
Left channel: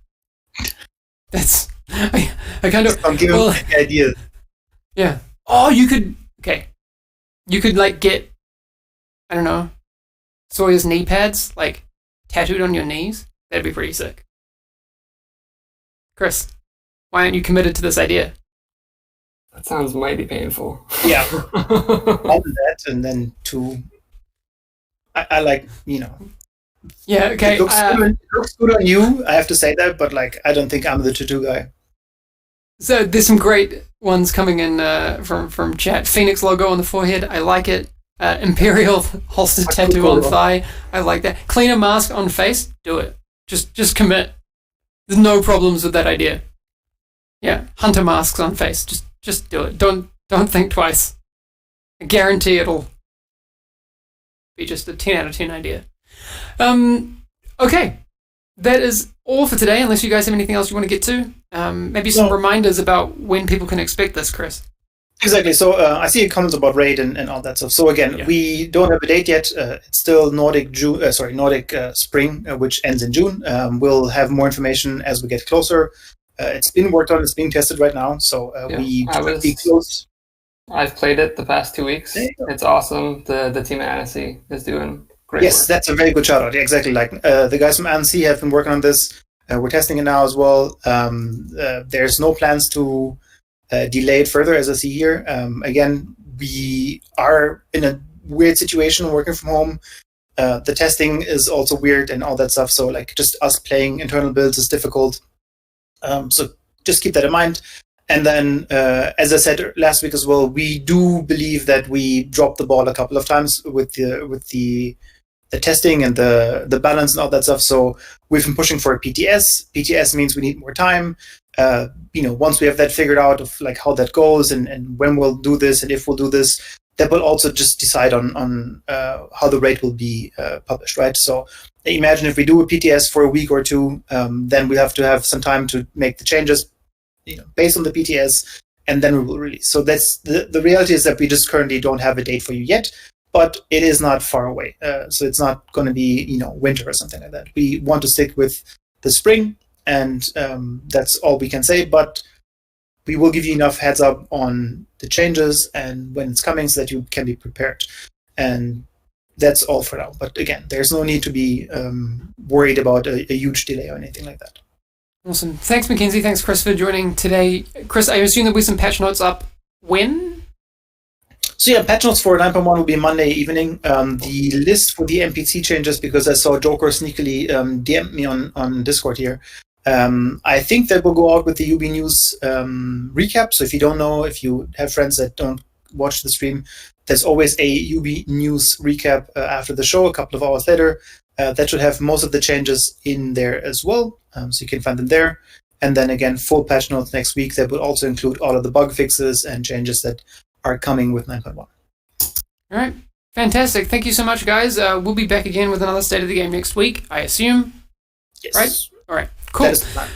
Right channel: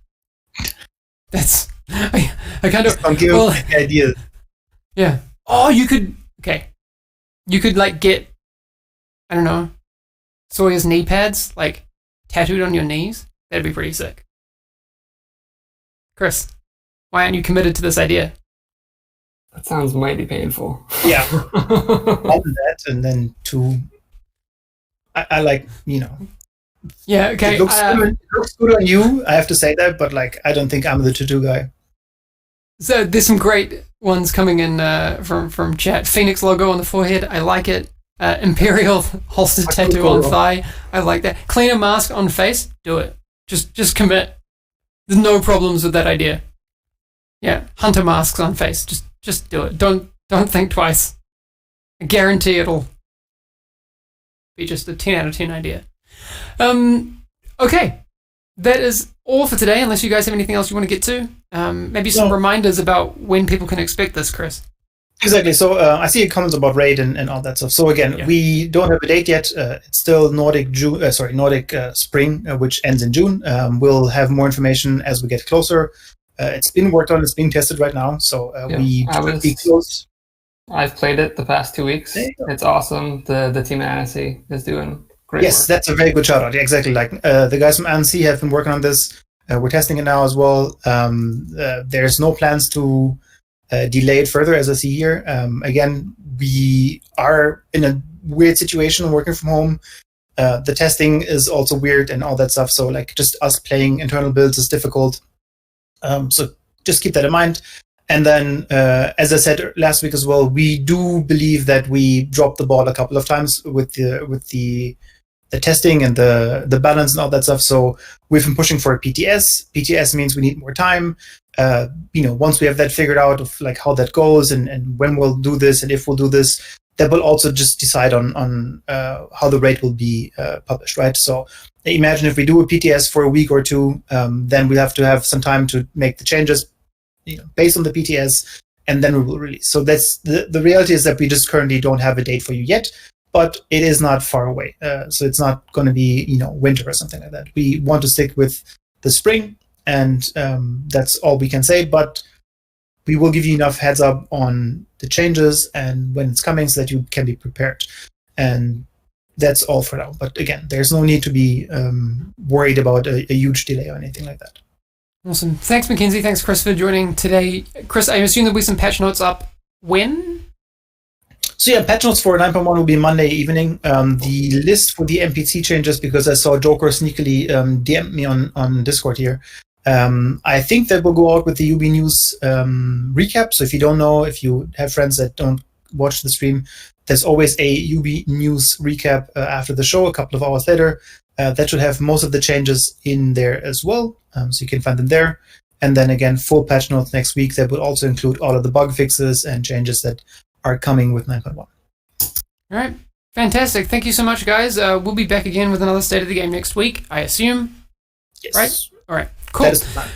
That's, I kind of... Don't give well, any ideas. Yeah. Oh, you could like get, I don't know, Sawyer's knee pads, like, tattooed on your knees. That'd be pretty sick. Chris, why aren't you committed to this idea? That sounds mighty painful. Yeah. One that, and then 2, I like, Yeah, okay. It looks good on you, I have to say that, but like, I don't think I'm the tattoo guy. So there's some great ones coming in from chat. Phoenix logo on the forehead, I like it. Imperial holster tattoo on thigh, I like that. Cleaner mask on face, do it. Just commit. There's no problems with that idea. Yeah, hunter masks on face, just do it. Don't think twice. I guarantee it'll be just a 10 out of 10 idea. Okay, that is all for today, unless you guys have anything else you want to get to. Maybe some reminders about when people can expect this, Chris. Exactly. So I see a comment about raid and all that stuff. So again, we don't have a date yet. It's still Nordic Spring, which ends in June. We'll have more information as we get closer. It's been worked on. It's being tested right now. So we should be close. I've played it the past 2 weeks. It's awesome. The team at Annecy is doing great Yes, work. that's a very good shout out. Yeah, exactly. Like the guys from Annecy have been working on this. We're testing it now as well. There's no plans to delay it further, as I see here. Again, we are in a weird situation working from home. The testing is also weird and all that stuff. So like just us playing internal builds is difficult. So just keep that in mind. And then, as I said last week as well, we do believe that we dropped the ball a couple of times with the testing and the balance and all that stuff. So we've been pushing for a PTS. PTS means we need more time. Once we have that figured out of like how that goes and when we'll do this and if we'll do this, that will also just decide on how the rate will be published, right? So imagine if we do a PTS for a week or two, then we have to have some time to make the changes. based on the PTS, and then we will release. So that's the reality is that we just currently don't have a date for you yet, but it is not far away. So it's not going to be winter or something like that. We want to stick with the spring, and that's all we can say. But we will give you enough heads up on the changes and when it's coming so that you can be prepared. And that's all for now. But again, there's no need to be worried about a huge delay or anything like that. Awesome. Thanks, Mackenzie. Thanks, Chris, for joining today. Chris, I assume there'll be some patch notes up when? So yeah, patch notes for 9.1 will be Monday evening. The list for the NPC changes, because I saw Joker sneakily DM me on Discord here. I think that will go out with the UB News recap. So if you don't know, if you have friends that don't watch the stream, there's always a UB News recap after the show, a couple of hours later. That should have most of the changes in there as well. So you can find them there. And then again, full patch notes next week that will also include all of the bug fixes and changes that are coming with 9.1. All right. Fantastic. Thank you so much, guys. We'll be back again with another State of the Game next week, I assume. Yes. Right? All right. Cool. That is the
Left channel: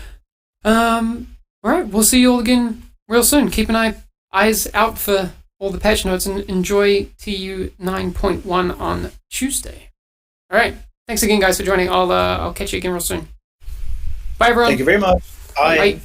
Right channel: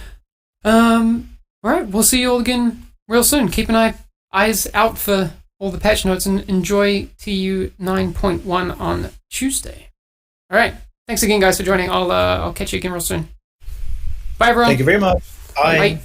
plan. All right. We'll see you all again real soon. Keep an eyes out for all the patch notes and enjoy TU 9.1 on Tuesday. All right. Thanks again, guys, for joining. I'll catch you again real soon. Bye, everyone. Thank you very much. Bye. Bye.